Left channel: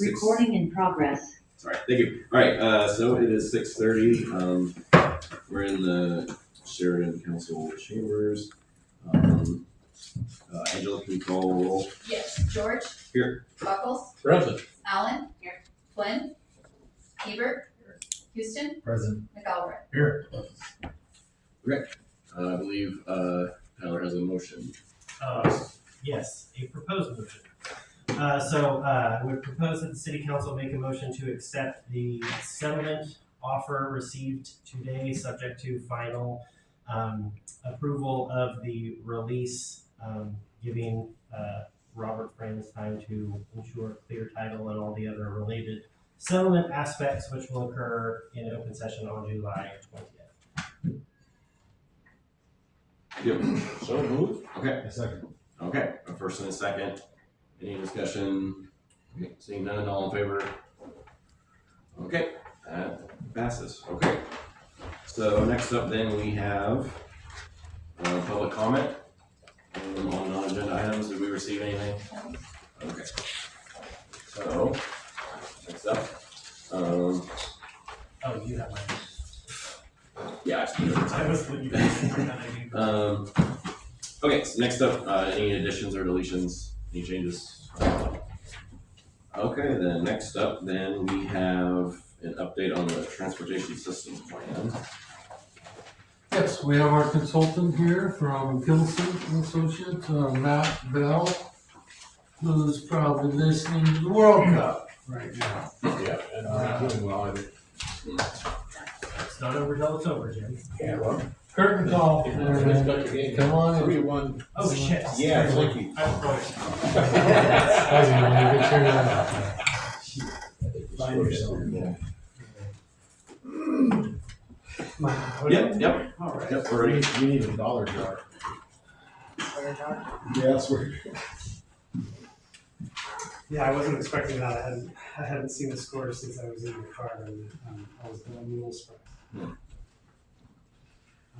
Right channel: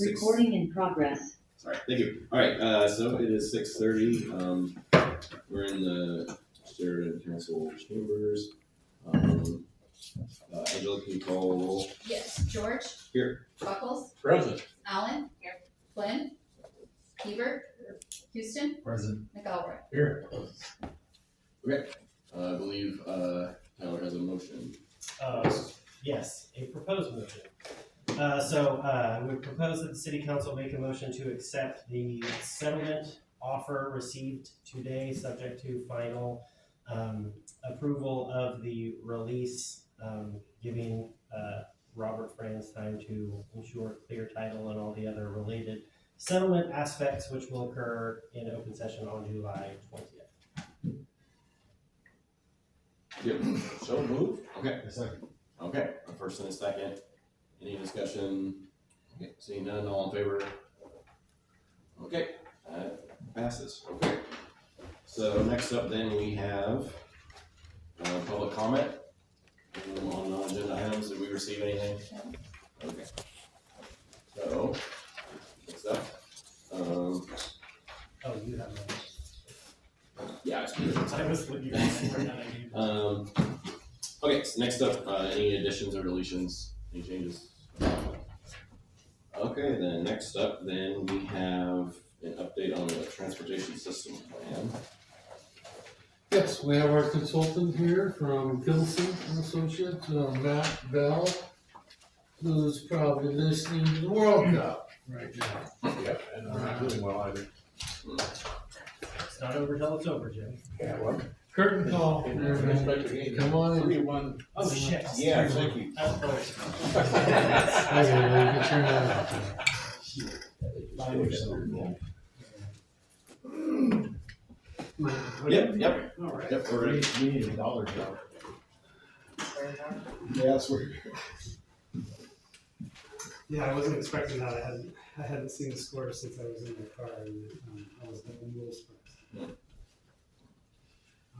Recording in progress. Sorry, thank you. All right, so it is 6:30. We're in the Sheridan Council chambers. Angela, can you call roll? Yes. George? Here. Buckles? Present. Allen? Here. Flynn? Hebert? Houston? Present. McElroy? Here. Okay. I believe Tyler has a motion. Yes, a proposed motion. I would propose that the city council make a motion to accept the settlement offer received today, subject to final approval of the release, giving Robert Franz time to ensure clear title and all the other related settlement aspects, which will occur in open session on July 20th. Yep. So moved. Okay. A second. Okay. A first and a second. Any discussion? Okay. Seeing none, all in favor? Okay. That passes. Okay. So next up then we have public comment on non-agenda items. Did we receive anything? No. Okay. So next up, Oh, you have mine. yeah, I was looking at okay, so next up, any additions or deletions, any changes? Okay, then next up, then we have an update on the transportation system plan. Yes, we have our consultant here from Kittleson Associates, Matt Bell, who's probably listening to the World Cup right now. Yeah, and I'm doing well, I think. It's not over till it's over, Jim. Yeah, well. Curtain call, come on in. 3-1. Oh, shit. Yeah, thank you. I don't know. Good turn out. Yep, All right. yep, we're ready. We need a dollar jar. Yes, we're. Yeah, I wasn't expecting that. I hadn't seen the score since I was in the car, and I was a little surprised. Yeah.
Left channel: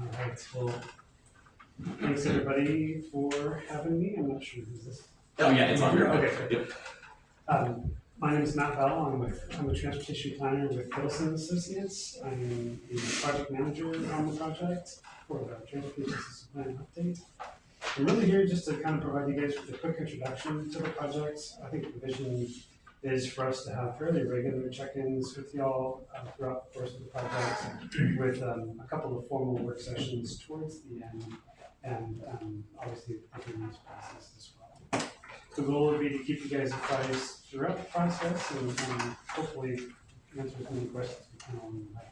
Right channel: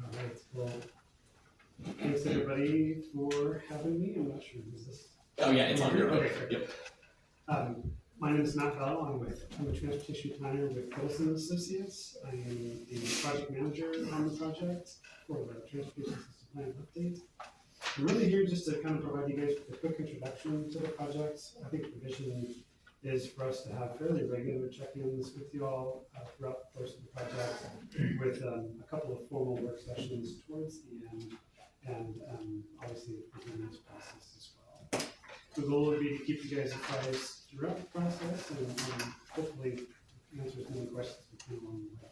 All right. Well, thanks everybody for having me. I'm not sure who's this. Oh yeah, it's on here. Okay. Yep. My name is Matt Bell. I'm a transportation planner with Kittleson Associates. I am the project manager on the project for the transportation system plan update. I'm really here just to kind of provide you guys with a quick introduction to the project. I think the vision is for us to have fairly regular check-ins with y'all throughout the course of the project, with a couple of formal work sessions towards the end, and obviously the continuous process as well. The goal would be to keep you guys apprised throughout the process and hopefully answer as many questions we can along the way.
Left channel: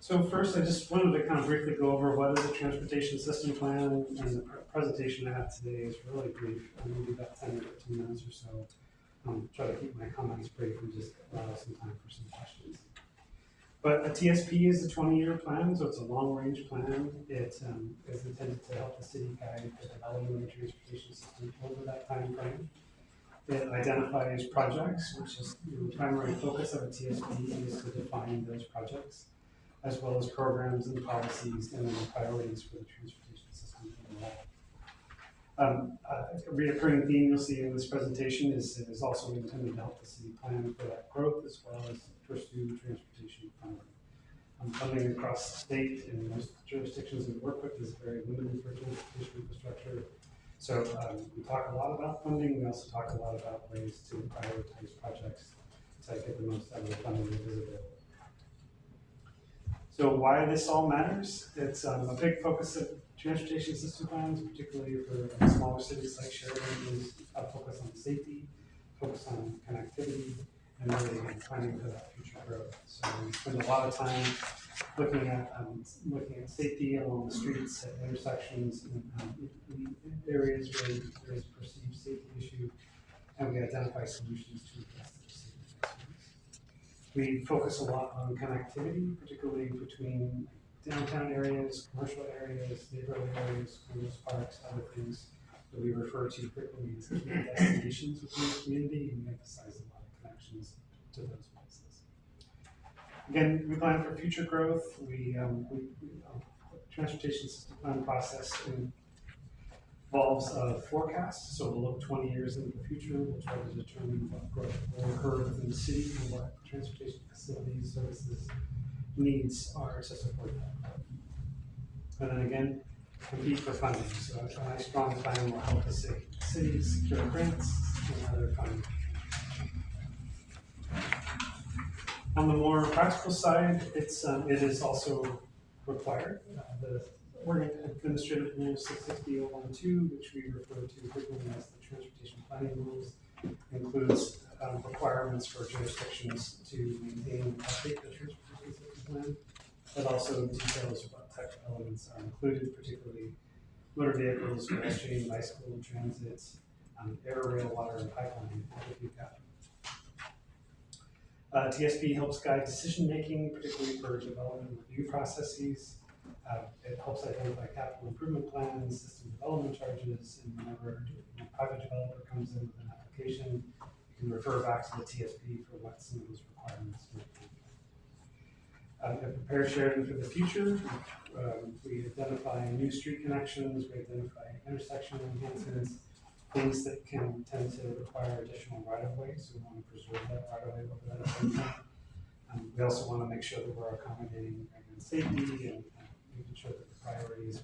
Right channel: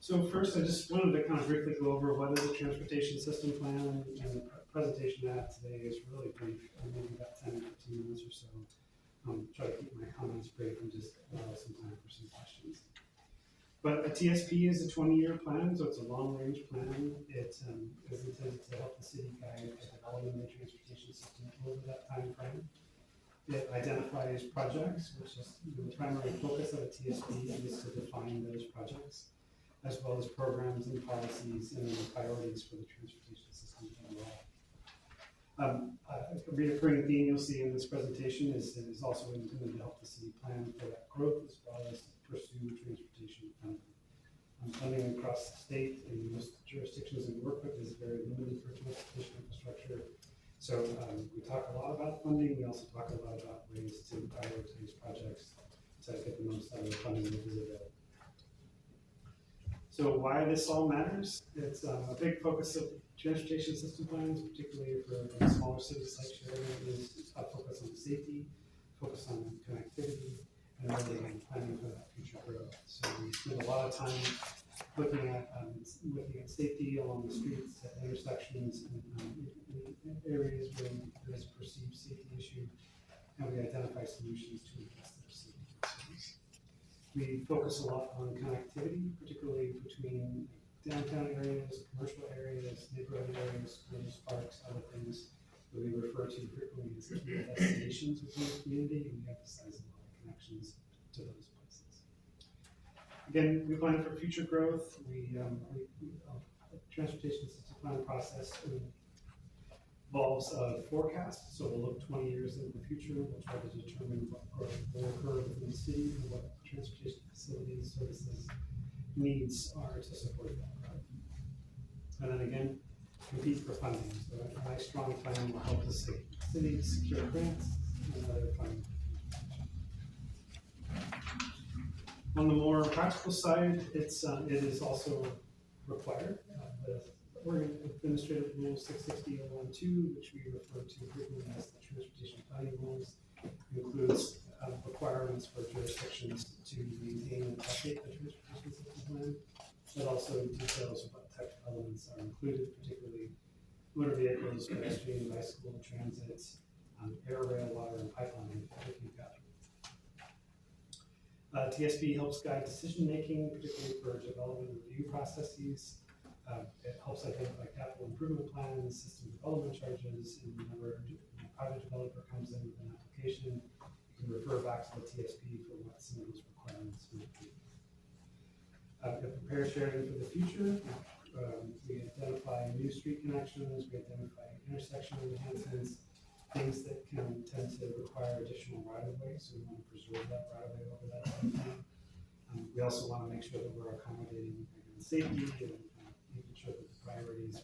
So first, I just wanted to kind of briefly go over what is a transportation system plan, and the presentation I have today is really brief, maybe about 10 to 15 minutes or so. Try to keep my comments brief and just allow some time for some questions. But a TSP is a 20-year plan, so it's a long-range plan. It is intended to help the city guide the development of the transportation system over that time frame. It identifies projects, which is the primary focus of a TSP is to define those projects, as well as programs and policies and then priorities for the transportation system overall. A reoccurring theme you'll see in this presentation is also intended to help the city plan for that growth as well as to pursue transportation funding. Funding across the state and most jurisdictions we work with is very limited for transportation infrastructure. So we talk a lot about funding. We also talk a lot about ways to prioritize projects to get the most out of the funding that is available. So why this all matters? It's a big focus of transportation system plans, particularly for smaller cities like Sheridan, is a focus on safety, focus on connectivity, and really planning for that future growth. So we spend a lot of time looking at safety along the streets, at intersections, and areas where there is a perceived safety issue, and we identify solutions to address those safety concerns. We focus a lot on connectivity, particularly between downtown areas, commercial areas, neighborhood areas, schools, parks, other things that we refer to frequently as key destinations within the community, and we emphasize a lot of connections to those places. Again, we plan for future growth. We transportation system plan process involves a forecast, so we'll look 20 years into the future. We'll try to determine what growth will occur within the city and what transportation facilities, services, needs are to support that. And then again, compete for funding. So a nice strong plan will help the city secure grants and other funding. On the more practical side, it is also required. The Oregon Administrative Rule 660.012, which we refer to frequently as the Transportation Planning Rules, includes requirements for jurisdictions to maintain and update the transportation system plan. It also details what type of elements are included, particularly motor vehicles, pedestrian, bicycle, transit, air, rail, water, and pipeline, if you've got. TSP helps guide decision-making, particularly for development review processes. It helps identify capital improvement plans, system development charges, and whenever a private developer comes in with an application, you can refer back to the TSP for what some of those requirements might be. To prepare Sheridan for the future, we identify new street connections, we identify intersection enhancements, things that can tend to require additional right-of-way, so we want to preserve that right-of-way over that same time. We also want to make sure that we're accommodating safety and making sure that the priorities,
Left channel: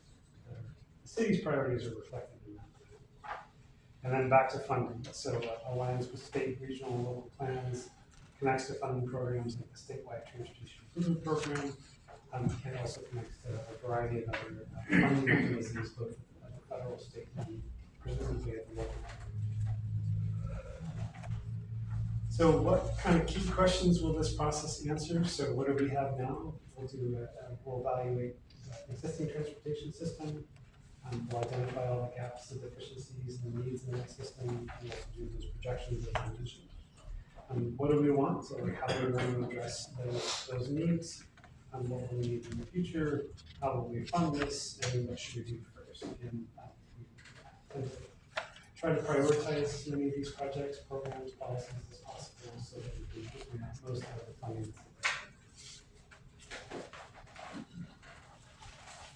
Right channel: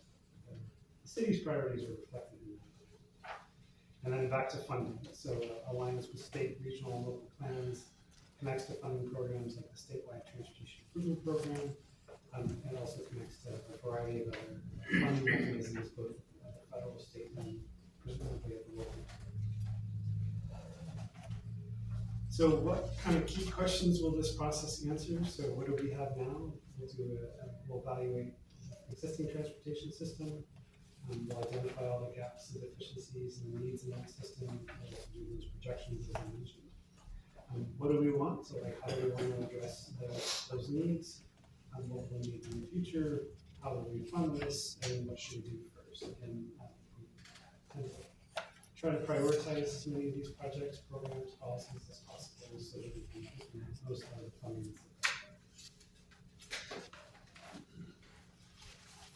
the city's priorities are reflected in that. And then back to funding. So aligns with state, regional, and local plans, connects to funding programs like the statewide transportation improvement program. It also connects to a variety of other funding mechanisms, both at the federal, state, and presumably at the local level. So what kind of key questions will this process answer? So what do we have now? We'll evaluate the existing transportation system. We'll identify all the gaps and deficiencies and needs in that system. We'll also do those projections as I mentioned. What do we want? So like, how do we want to address those needs? What will we need in the future? How will we fund this? And what should we do first? Again, we tend to try to prioritize as many of these projects, programs, policies as possible so that we can get most out of the funding.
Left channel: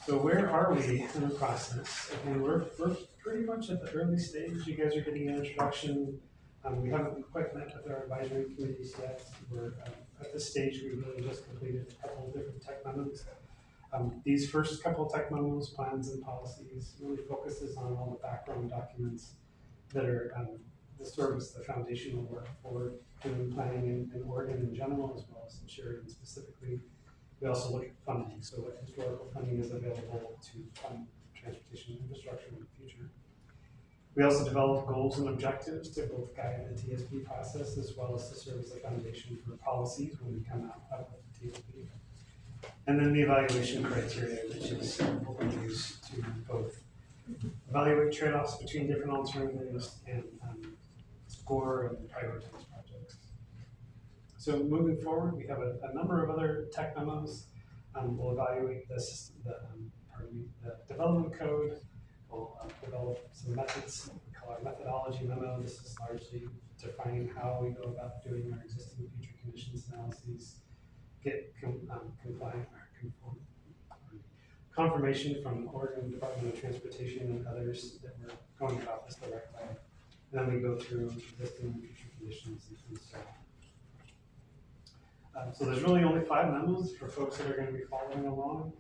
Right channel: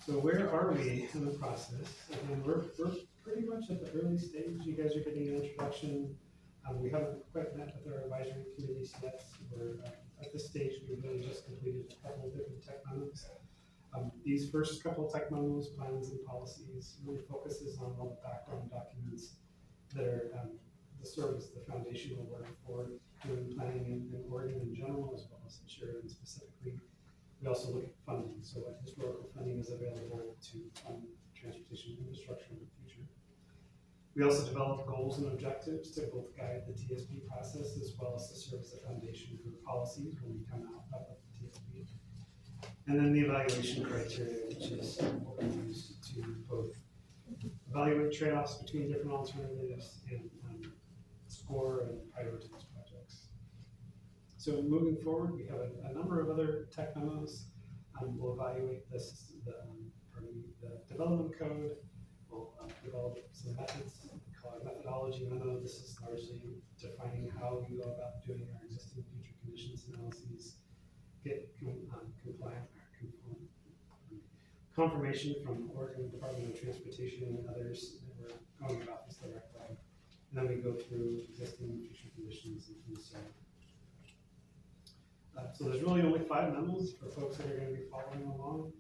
So where are we in the process? Again, we're pretty much at the early stage. You guys are getting an introduction. We haven't quite met with our advisory committees yet. We're at this stage, we really just completed a couple of different tech memos. These first couple of tech memos, plans and policies, really focuses on all the background documents that are the service, the foundational work for doing planning in Oregon in general, as well as in Sheridan specifically. We also look at funding, so what historical funding is available to fund transportation infrastructure in the future. We also develop goals and objectives to both guide the TSP process as well as to serve as a foundation for policies when we come out of the TSP. And then the evaluation criteria, which is what we use to both evaluate trade-offs between different alternatives and score and prioritize projects. So moving forward, we have a number of other tech memos. We'll evaluate the system, the development code. We'll develop some methods. We call our methodology memo. This is largely defining how we go about doing our existing future conditions analyses, get confirmation from the Oregon Department of Transportation and others that we're going about this the right way. And then we go through existing future conditions and so on. So there's really only 5 memos for folks that are going to be following along.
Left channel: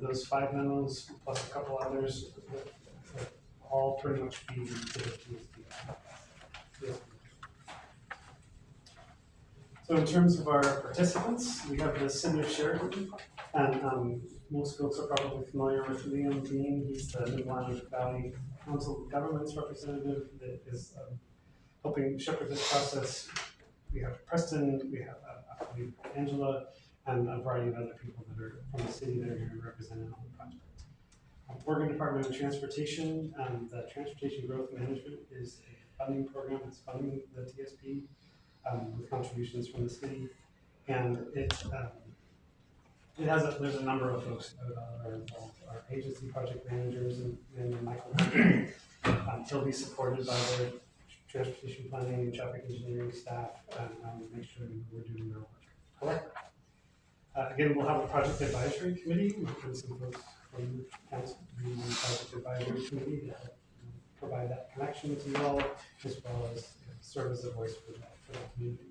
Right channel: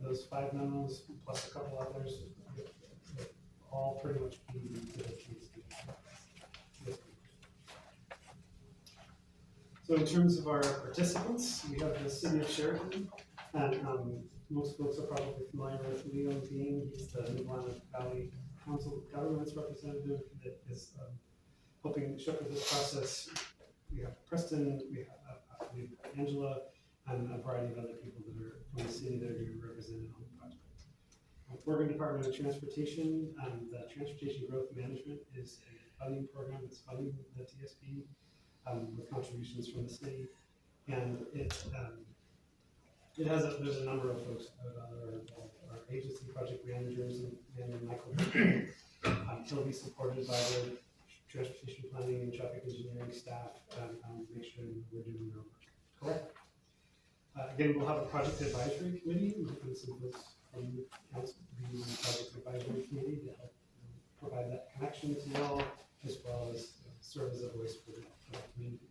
Those 5 memos plus a couple others will all pretty much be to the TSP. So in terms of our participants, we have the City of Sheridan, and most folks are probably familiar with Liam Dean. He's the Mid-Atlantic Valley Council of Governments representative that is helping shepherd this process. We have Preston, we have Angela, and a variety of other people that are from the city that are going to be represented on the project. Oregon Department of Transportation, the Transportation Growth Management is a funding program that's funding the TSP with contributions from the city, and there's a number of folks that are involved. Our agency project managers and Michael. He'll be supported by the transportation planning and traffic engineering staff and make sure we're doing our work correctly. Again, we'll have a project advisory committee and some folks from council be on the project advisory committee to help provide that connection to y'all, as well as serve as a voice for the community.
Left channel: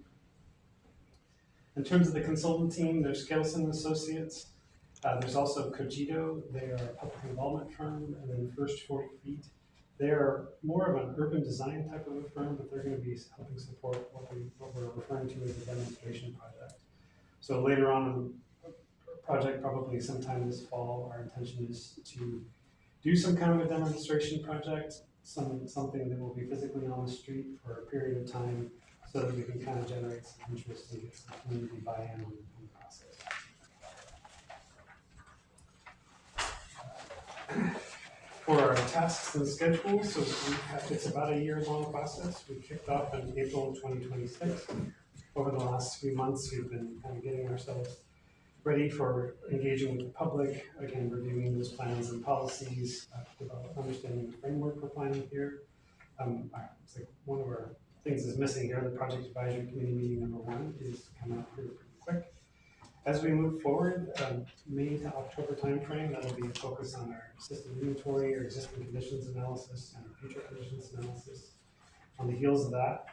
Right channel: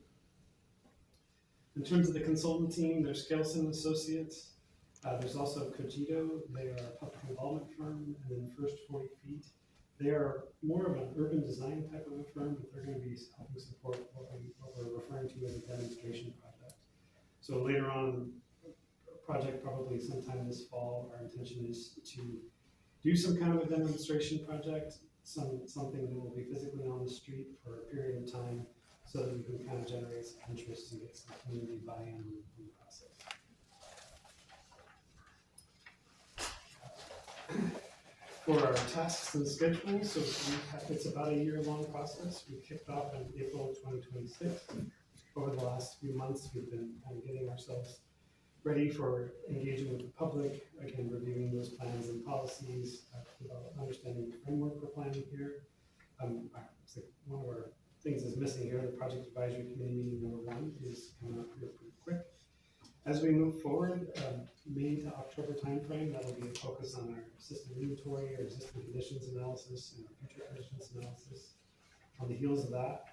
In terms of the consultant team, there's Kittleson Associates. There's also Cogito. They are a public involvement firm, and then First 40 Feet. They are more of an urban design type of a firm, but they're going to be helping support what we're referring to as a demonstration project. So later on in the project, probably sometime this fall, our intention is to do some kind of a demonstration project, something that will be physically on the street for a period of time, so that we can kind of generate some interest and get some community buy-in on the process. For our tasks and schedules, so it's about a year-long process. We kicked off in April 2026. Over the last few months, we've been kind of getting ourselves ready for engaging with the public, again, reviewing those plans and policies, understanding the framework we're planning here. It's like one of our things is missing here. The project advisory committee meeting number 1 is coming up here pretty quick. As we move forward, May to October timeframe, that'll be a focus on our system inventory, our existing conditions analysis, and our future conditions analysis. On the heels of that,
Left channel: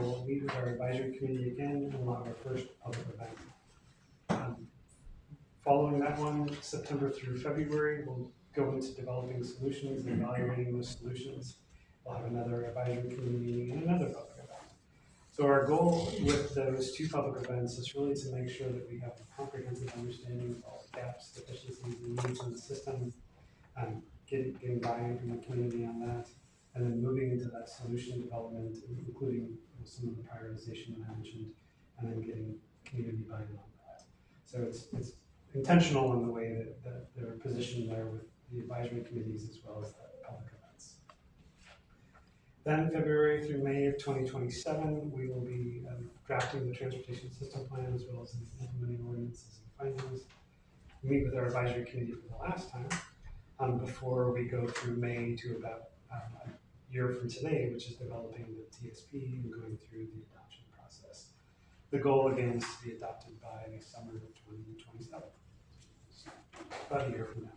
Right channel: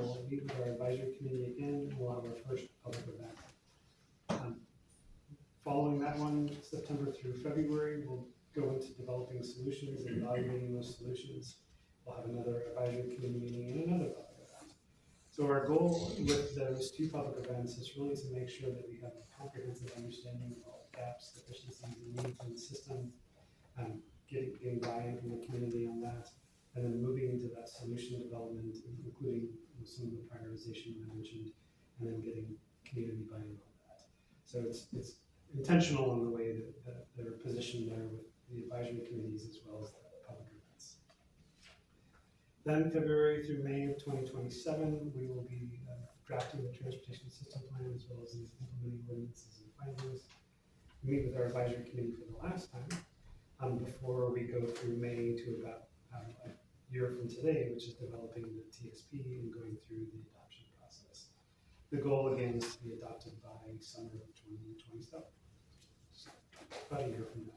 we'll meet with our advisory committee again, and we'll have our first public event. Following that one, September through February, we'll go into developing solutions and evaluating those solutions. We'll have another advisory committee meeting and another public event. So our goal with those 2 public events is really to make sure that we have a comprehensive understanding of all the gaps, deficiencies, and needs in the system, getting buy-in from the community on that, and then moving into that solution development, including some of the prioritization that I mentioned, and then getting community buy-in on that. So it's intentional in the way that they're positioned there with the advisory committees as well as the public events. Then February through May of 2027, we will be drafting the transportation system plan as well as implementing ordinances and findings. We meet with our advisory committee for the last time before we go through May to about a year from today, which is developing the TSP and going through the adoption process. The goal again is to be adopted by summer of 2027. So about a year from now.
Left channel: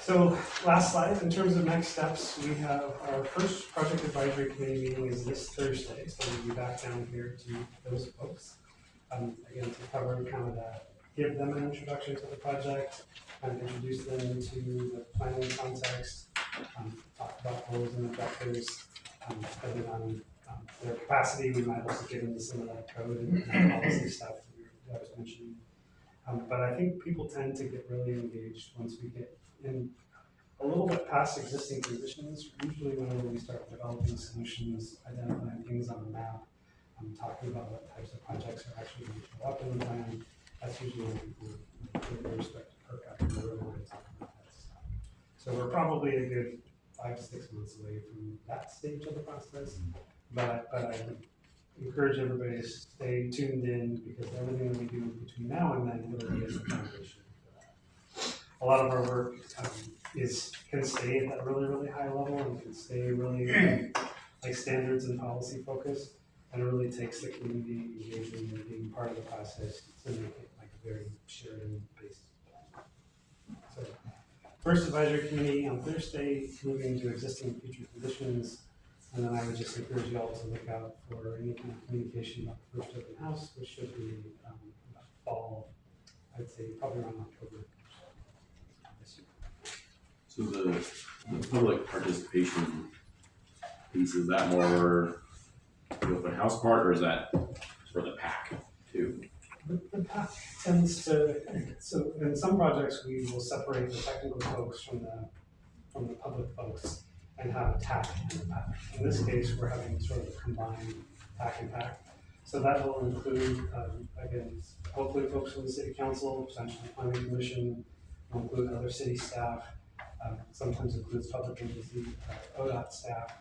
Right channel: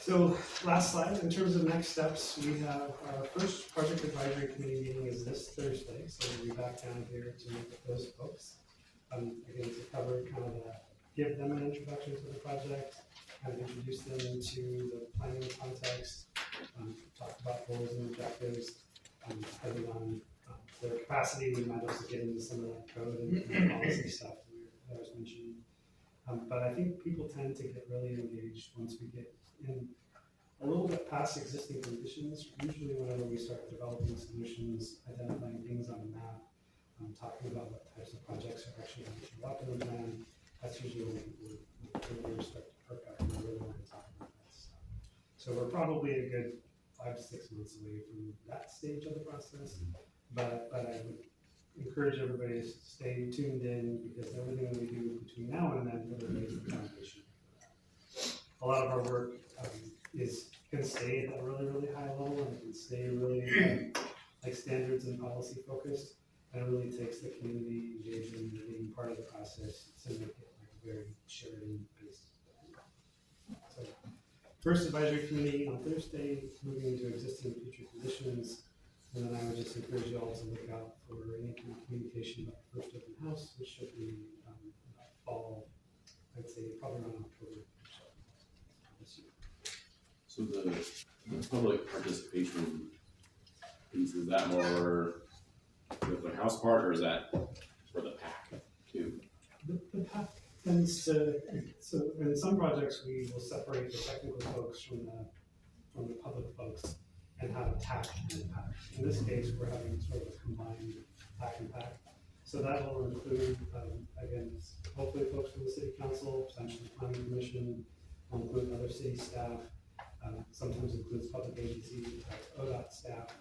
So last slide, in terms of next steps, we have our first project advisory committee meeting is this Thursday, so we'll be back down here to meet with those folks. Again, to cover kind of give them an introduction to the project, kind of introduce them to the planning context, talk about goals and objectives, depending on their capacity, we might also get into some of that code and policy stuff that I was mentioning. But I think people tend to get really engaged once we get in a little bit past existing conditions. Usually whenever we start developing solutions, identifying things on a map, talking about what types of projects are actually going to show up in the plan, that's usually when people really start to perk up and really want to talk about that stuff. So we're probably a good 5 to 6 months away from that stage of the process, but I would encourage everybody to stay tuned in, because everything that we do between now and then really is the foundation for that. A lot of our work can stay at that really, really high level and can stay really like standards and policy focused, and it really takes the community engagement and being part of the process to make it like a very Sheridan based plan. So first advisory committee on Thursday, moving into existing and future conditions, and then I would just encourage you all to look out for any kind of communication about the first open house, which should be about fall, I'd say probably around October this year. So the public participation piece, is that more the open house part, or is that for the pack too? The pack tends to, so in some projects we will separate the technical folks from the public folks and have a tack and a pack. In this case, we're having sort of a combined tack and pack. So that will include, again, hopefully folks from the city council, potentially planning commission, will include other city staff, sometimes includes public agency, ODOT staff.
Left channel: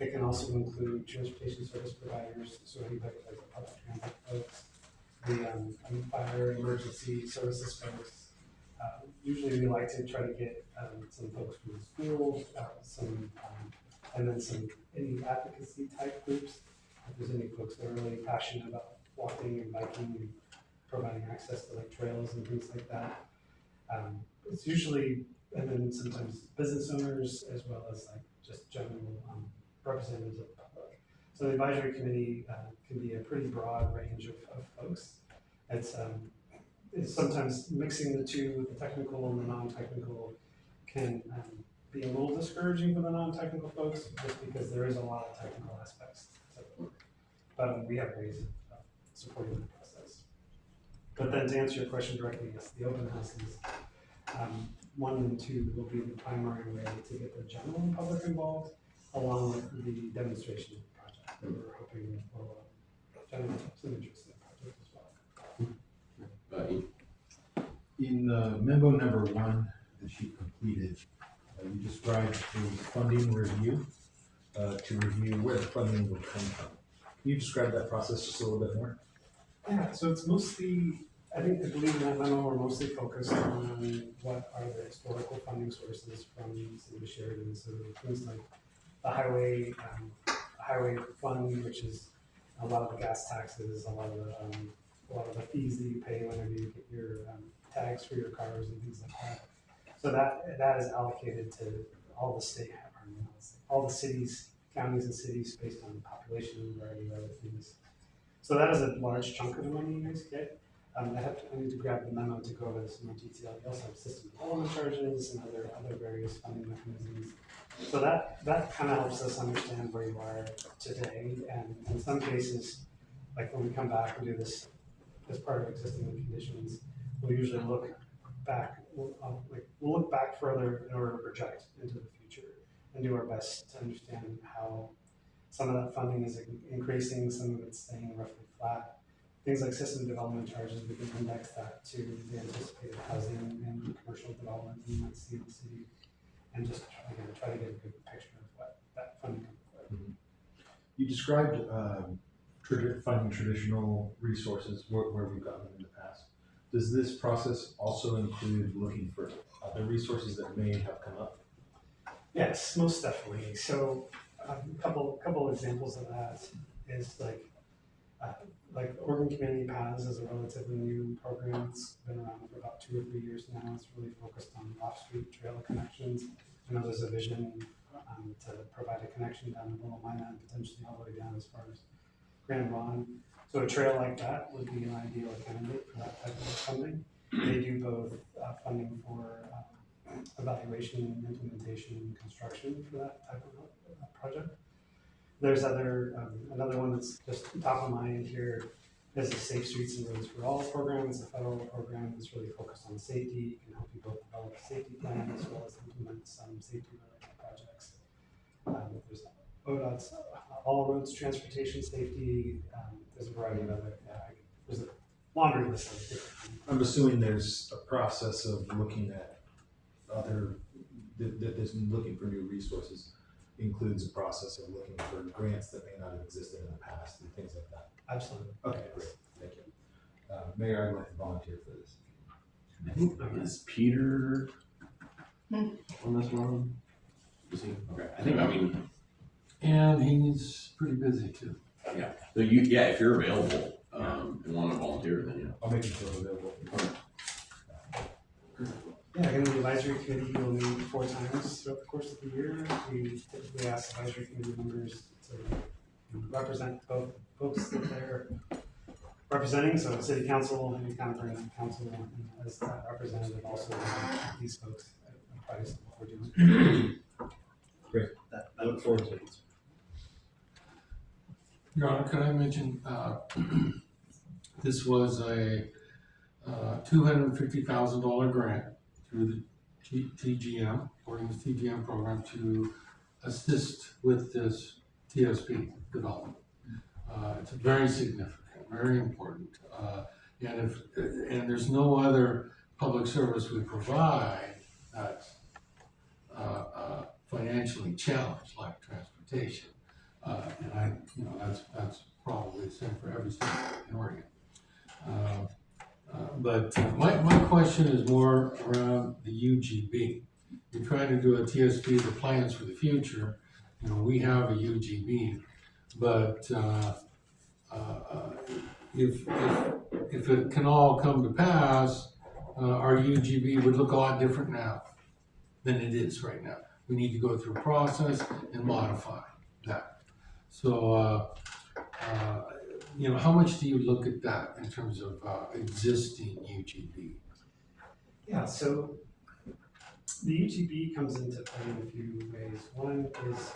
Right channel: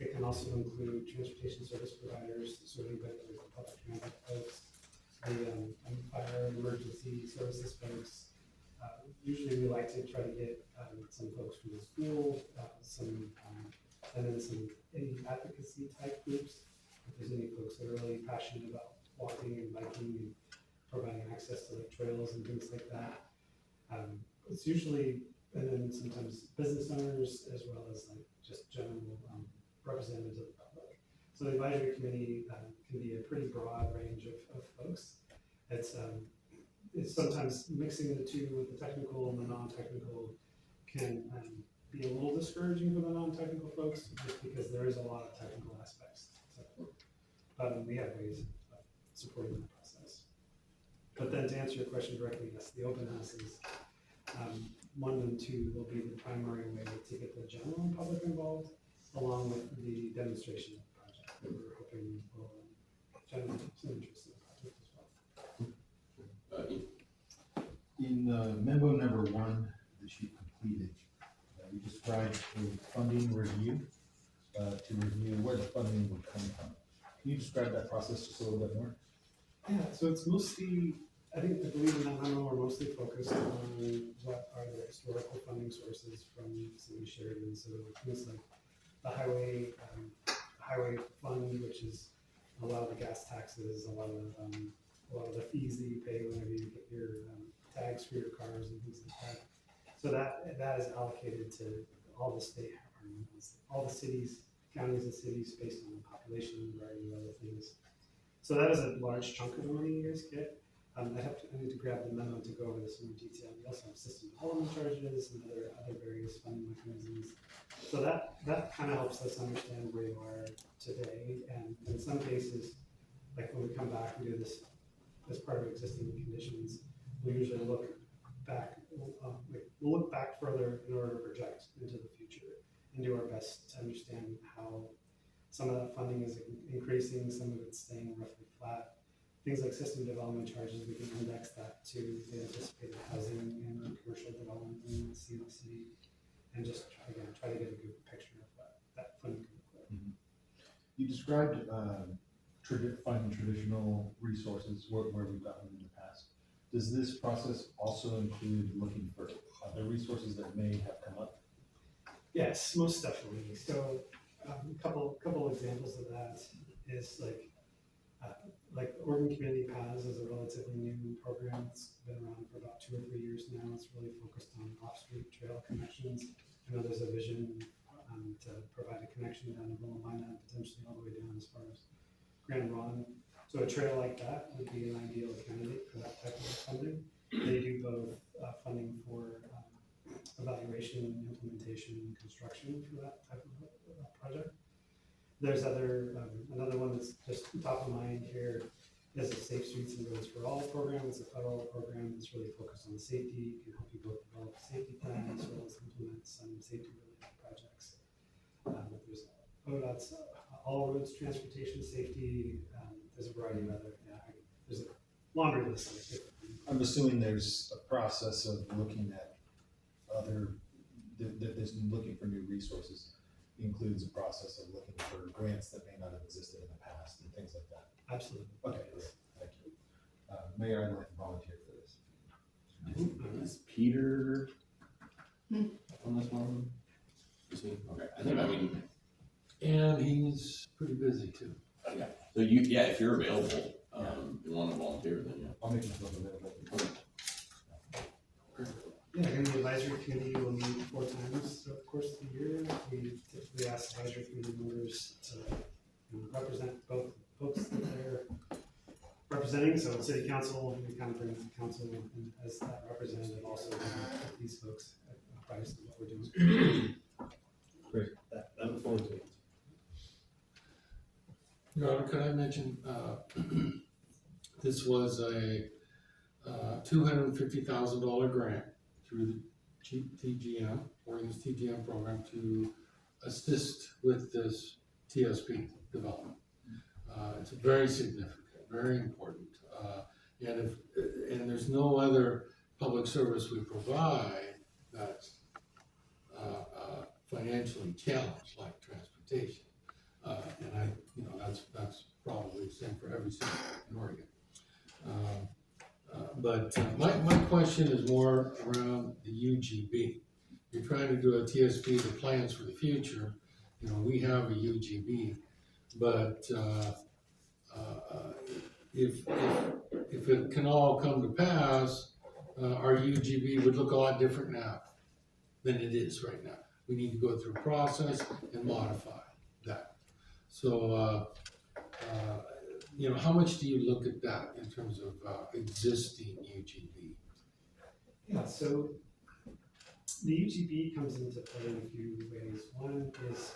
It can also include transportation service providers, so anybody like the public transit folks, the fire emergency services folks. Usually we like to try to get some folks from the school, and then any advocacy type groups. If there's any folks that are really passionate about walking and biking and providing access to like trails and things like that. It's usually and then sometimes business owners as well as like just general representatives of the public. So the advisory committee can be a pretty broad range of folks. It's sometimes mixing the two with the technical and the non-technical can be a little discouraging for the non-technical folks just because there is a lot of technical aspects to it. But we have ways of supporting the process. But then to answer your question directly, yes, the open houses, 1 and 2 will be the primary way to get the general and public involved, along with the demonstration project that we're hoping will generate some interest in the project as well. In memo number 1 that you completed, you described a funding review to review where the funding would come from. Can you describe that process just a little bit more? Yeah, so it's mostly, I believe in that memo, we're mostly focused on what are the historical funding sources from the city of Sheridan. So things like the highway fund, which is a lot of the gas taxes, a lot of the fees that you pay whenever you get your tags for your cars and things like that. So that is allocated to all the all the cities, counties and cities based on population and a variety of other things. So that is a large chunk of the money you guys get. I need to grab the memo to go over this in more detail. We also have system development charges and other various funding mechanisms. So that kind of helps us understand where you are today. And in some cases, like when we come back and do this as part of existing conditions, we usually look back. We'll look back further in order to project into the future and do our best to understand how some of that funding is increasing, some of it's staying roughly flat. Things like system development charges, we can index that to the anticipated housing and commercial development that you might see in the city, and just again try to get a good picture of what that funding can look like. Mm-hmm. You described finding traditional resources where we've gotten in the past. Does this process also include looking for other resources that may have come up? Yes, most definitely. So a couple examples of that is like Oregon Community Paths is a relatively new program. It's been around for about 2 or 3 years now. It's really focused on off-street trail connections. I know there's a vision to provide a connection down to Willamina and potentially all the way down as far as Grand Ron. So a trail like that would be an ideal candidate for that type of funding. They do both funding for evaluation, implementation, and construction for that type of project. There's another one that's just top of mind here is the Safe Streets and Roads for All program. It's a federal program that's really focused on safety. It can help you both develop a safety plan as well as implement some safety-related projects. There's ODOT's All Roads Transportation Safety. There's a variety of other, there's a laundry list of different things. I'm assuming there's a process of looking at there's looking for new resources includes a process of looking for grants that may not have existed in the past and things like that. Absolutely. Okay, great, thank you. Mayor, I'd like to volunteer for this. I think is Peter on this one? Is he? Okay. And he's pretty busy too. Yeah. So if you're available and want to volunteer, then yeah. I'll make myself available. Yeah, again, the advisory committee will meet 4 times throughout the course of the year. We typically ask advisory committee members to represent both folks that they're representing. So city council, we kind of bring up council and as that representative also these folks apprise of what we're doing. Great, I look forward to it. Your Honor, could I mention, this was a $250,000 grant through the TGM, Oregon's TGM program, to assist with this TSP development. It's very significant, very important, and there's no other public service we provide that's financially challenged like transportation, and that's probably the same for every city in Oregon. But my question is more around the UGB. You're trying to do a TSP, the plans for the future. We have a UGB, but if it can all come to pass, our UGB would look a lot different now. than it is right now. We need to go through a process and modify that. So, you know, how much do you look at that in terms of existing UGB? Yeah, so the UGB comes into play in a few ways. One is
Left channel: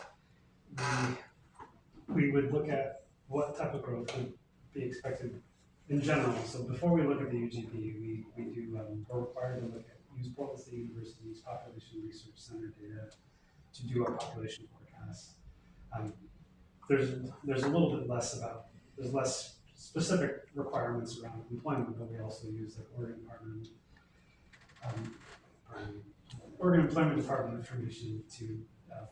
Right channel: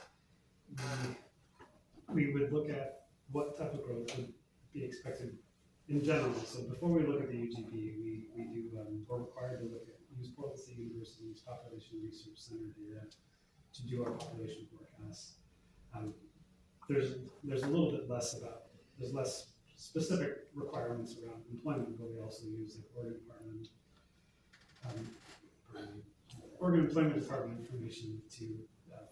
we would look at what type of growth would be expected in general. So before we look at the UGB, we're required to look at use Polasek University's Population Research Center data to do our population forecasts. There's a little bit less there's less specific requirements around employment, but we also use like Oregon Employment Department information to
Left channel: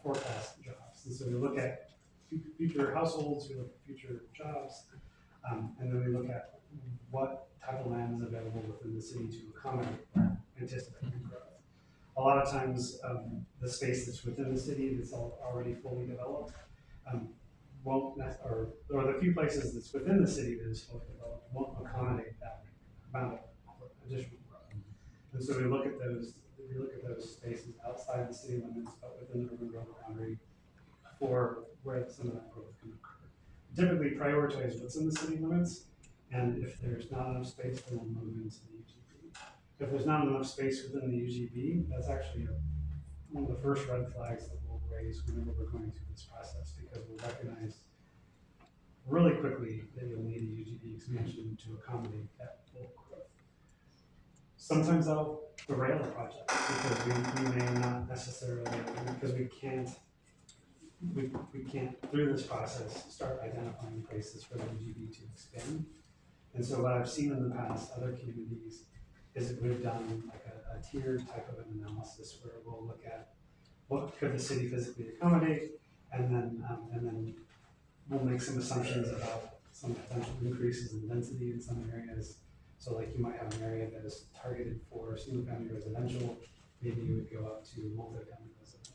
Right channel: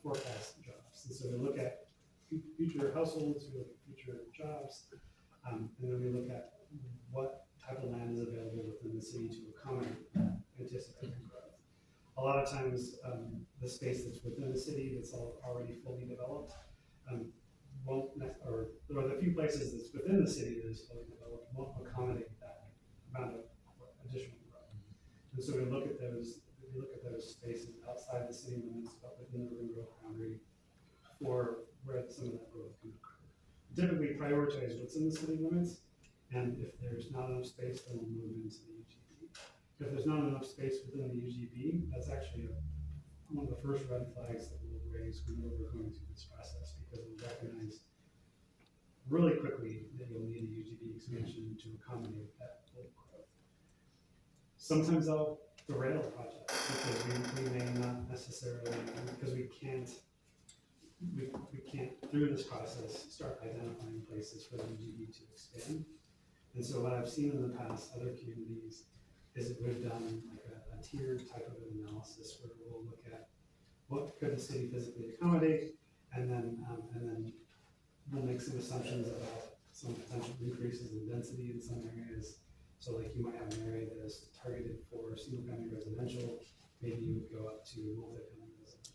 forecast jobs. And so we look at future households, we look at future jobs, and then we look at what type of land is available within the city to accommodate that anticipated growth. A lot of times, the space that's within the city that's already fully developed or the few places that's within the city that is fully developed won't accommodate that amount of additional growth. And so we look at those spaces outside the city limits, but within the urban growth boundary for where some of that growth can occur. Typically prioritize what's in the city limits, and if there's not enough space, then we'll move into the UGB. If there's not enough space within the UGB, that's actually one of the first red flags that we'll raise whenever we're going through this process, because we'll recognize really quickly that you'll need a UGB expansion to accommodate that full growth. Sometimes I'll derail a project because we may not necessarily, because we can't through this process start identifying places for the UGB to expand. And so what I've seen in the past, other communities, is that we've done like a tiered type of an analysis where we'll look at what could the city physically accommodate, and then we'll make some assumptions about some potential increases in density in some areas. So like you might have an area that is targeted for single-family residential, maybe you would go up to multi-family residential.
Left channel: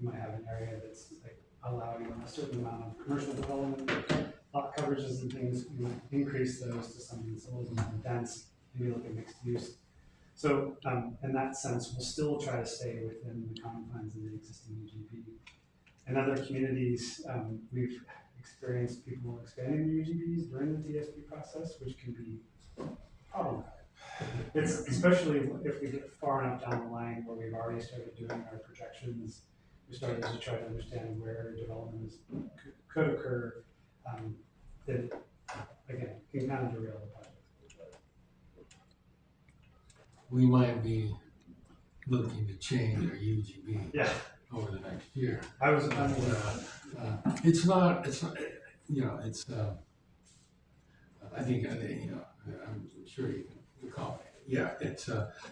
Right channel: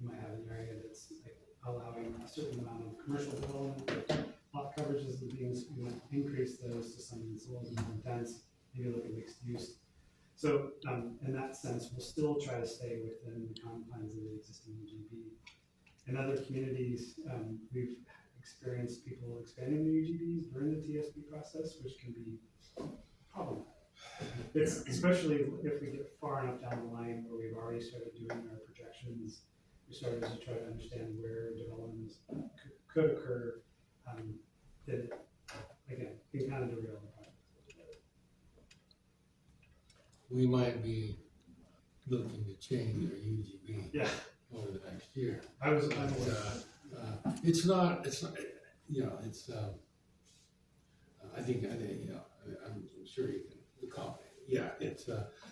You might have an area that's like allowing a certain amount of commercial development, lot coverages and things. You might increase those to something that's a little bit more dense, maybe look at mixed use. So in that sense, we'll still try to stay within the confines of the existing UGB. In other communities, we've experienced people expanding the UGBs during the TSP process, which can be problematic. It's especially if we get far enough down the line where we've already started doing our projections, we started to try to understand where development could occur, that again can kind of derail the project. We might be looking to change our UGB Yeah, over the next year. It's not, you know, it's, I think, you know, I'm sure you can accommodate it. Yeah, it's,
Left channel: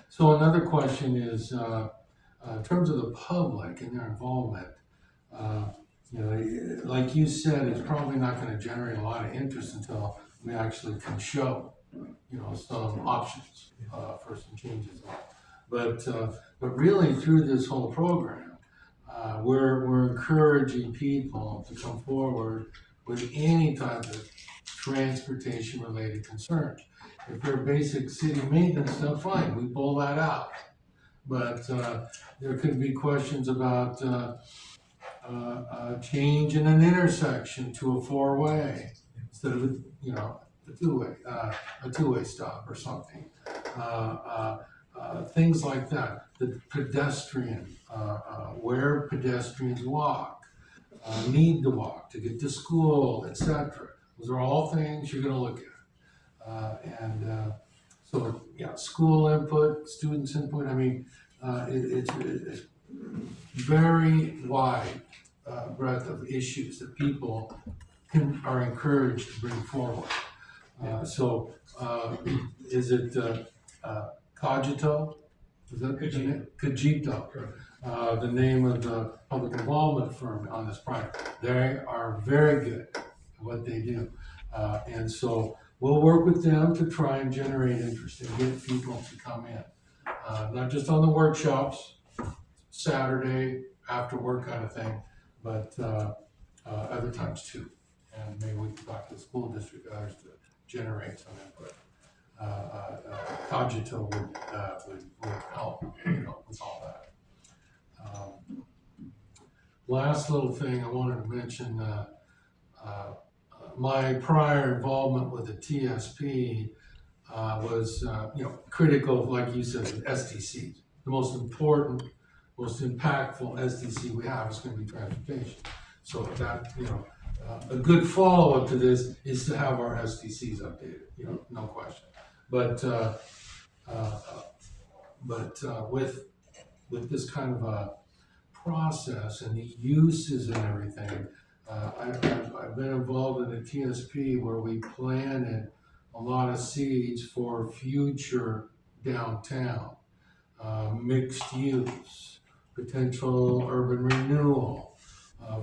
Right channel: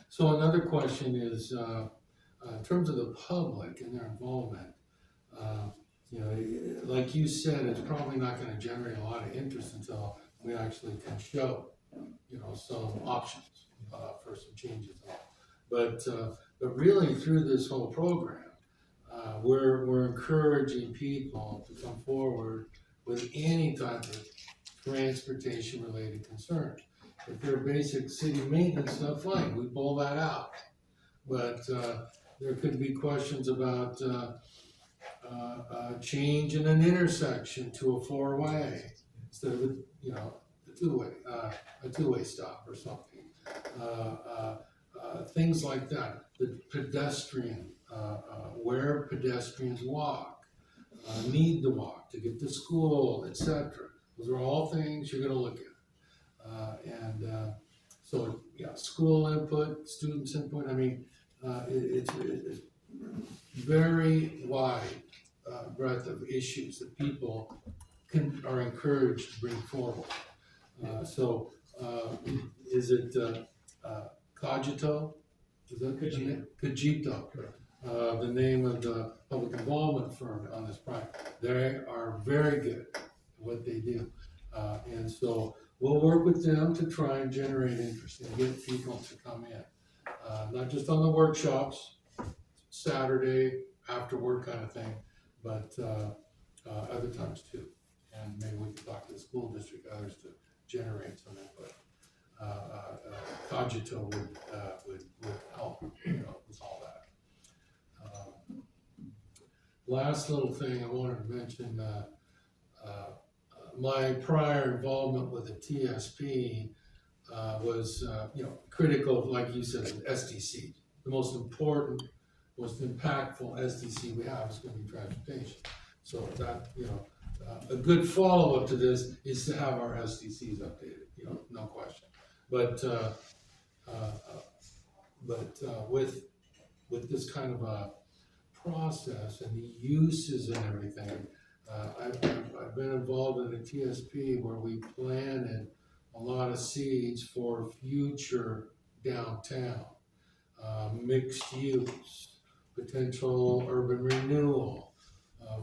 so another question is, in terms of the public and their involvement, you know, like you said, it's probably not gonna generate a lot of interest until we actually can show, you know, some options, for some changes. But really through this whole program, we're encouraging people to come forward with any type of transportation related concern. If they're basic city maintenance stuff, fine, we pull that out. But there could be questions about change in an intersection to a four-way instead of a two-way stop or something. Things like that. The pedestrian, where pedestrians walk, need to walk to get to school, etc. Those are all things you're going to look at. So yeah, school input, students input. I mean, it's very wide breadth of issues that people are encouraged to bring forward. Is it Cogito? Is that Cogito. Cogito. The name of the public involvement firm on this project. They are very good at what they do. And so we'll work with them to try and generate interest and get people to come in. Not just on the workshops, Saturday, after work kind of thing, but other times too. And maybe we can talk to the school district, others to generate some input. Cogito would help, you know, with all that. last little thing I wanted to mention, my prior involvement with the TSP was, critical, like you said, with SDCs. The most important, most impactful SDC we have is gonna be transportation. So that, a good follow-up to this is to have our SDCs updated, no question. But with this kind of a process and the uses and everything, I've been involved in a TSP where we planted a lot of seeds for future downtown, mixed use, potential urban renewal,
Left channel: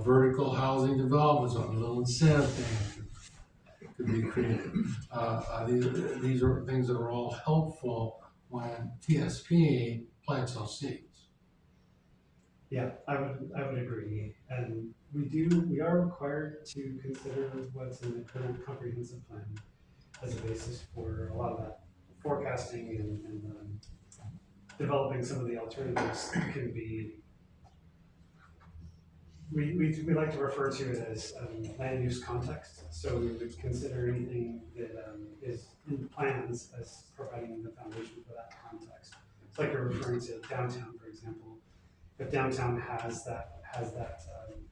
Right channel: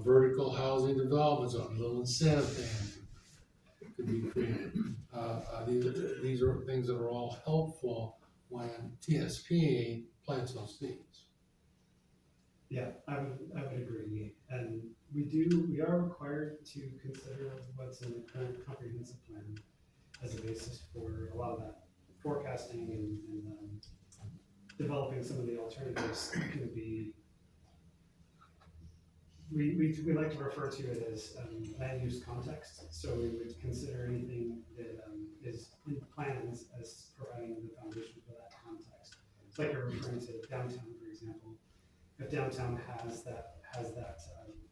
vertical housing development zone, little incentive things could be created. These are things that are all helpful when TSP plants those seeds. Yeah, I would agree, and we are required to consider what's in the current comprehensive plan as a basis for a lot of that forecasting and developing some of the alternatives can be. We like to refer to it as land use context, so we would consider anything that is in plans as providing the foundation for that context. It's like you're referring to downtown, for example. If downtown has that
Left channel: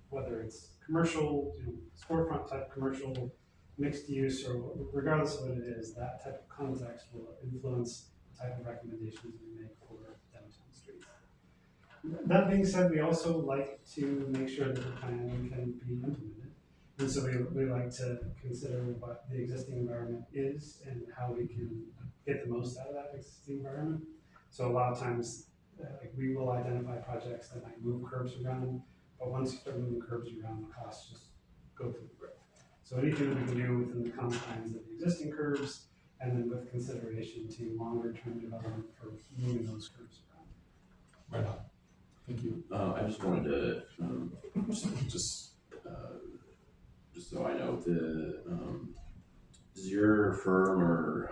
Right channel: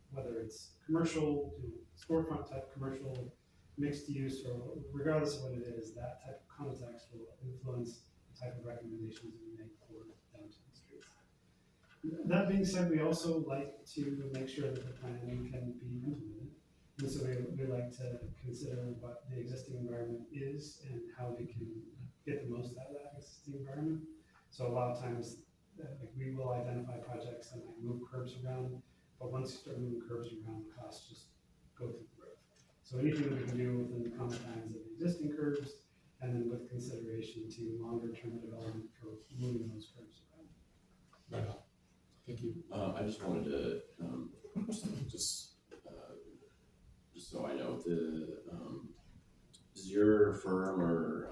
whether it's commercial, storefront type commercial, mixed use, or regardless of what it is, that type of context will influence the type of recommendations we make for downtown streets. That being said, we also like to make sure that the plan can be implemented. And so we like to consider what the existing environment is and how we can get the most out of that existing environment. So a lot of times, we will identify projects that might move curbs around, but once you start moving curbs around, the costs just go through the roof. So anything we can do within the confines of the existing curbs, and then with consideration to longer term development for moving those curbs around. Right on. Thank you. I just wanted to, just so I know, does your firm or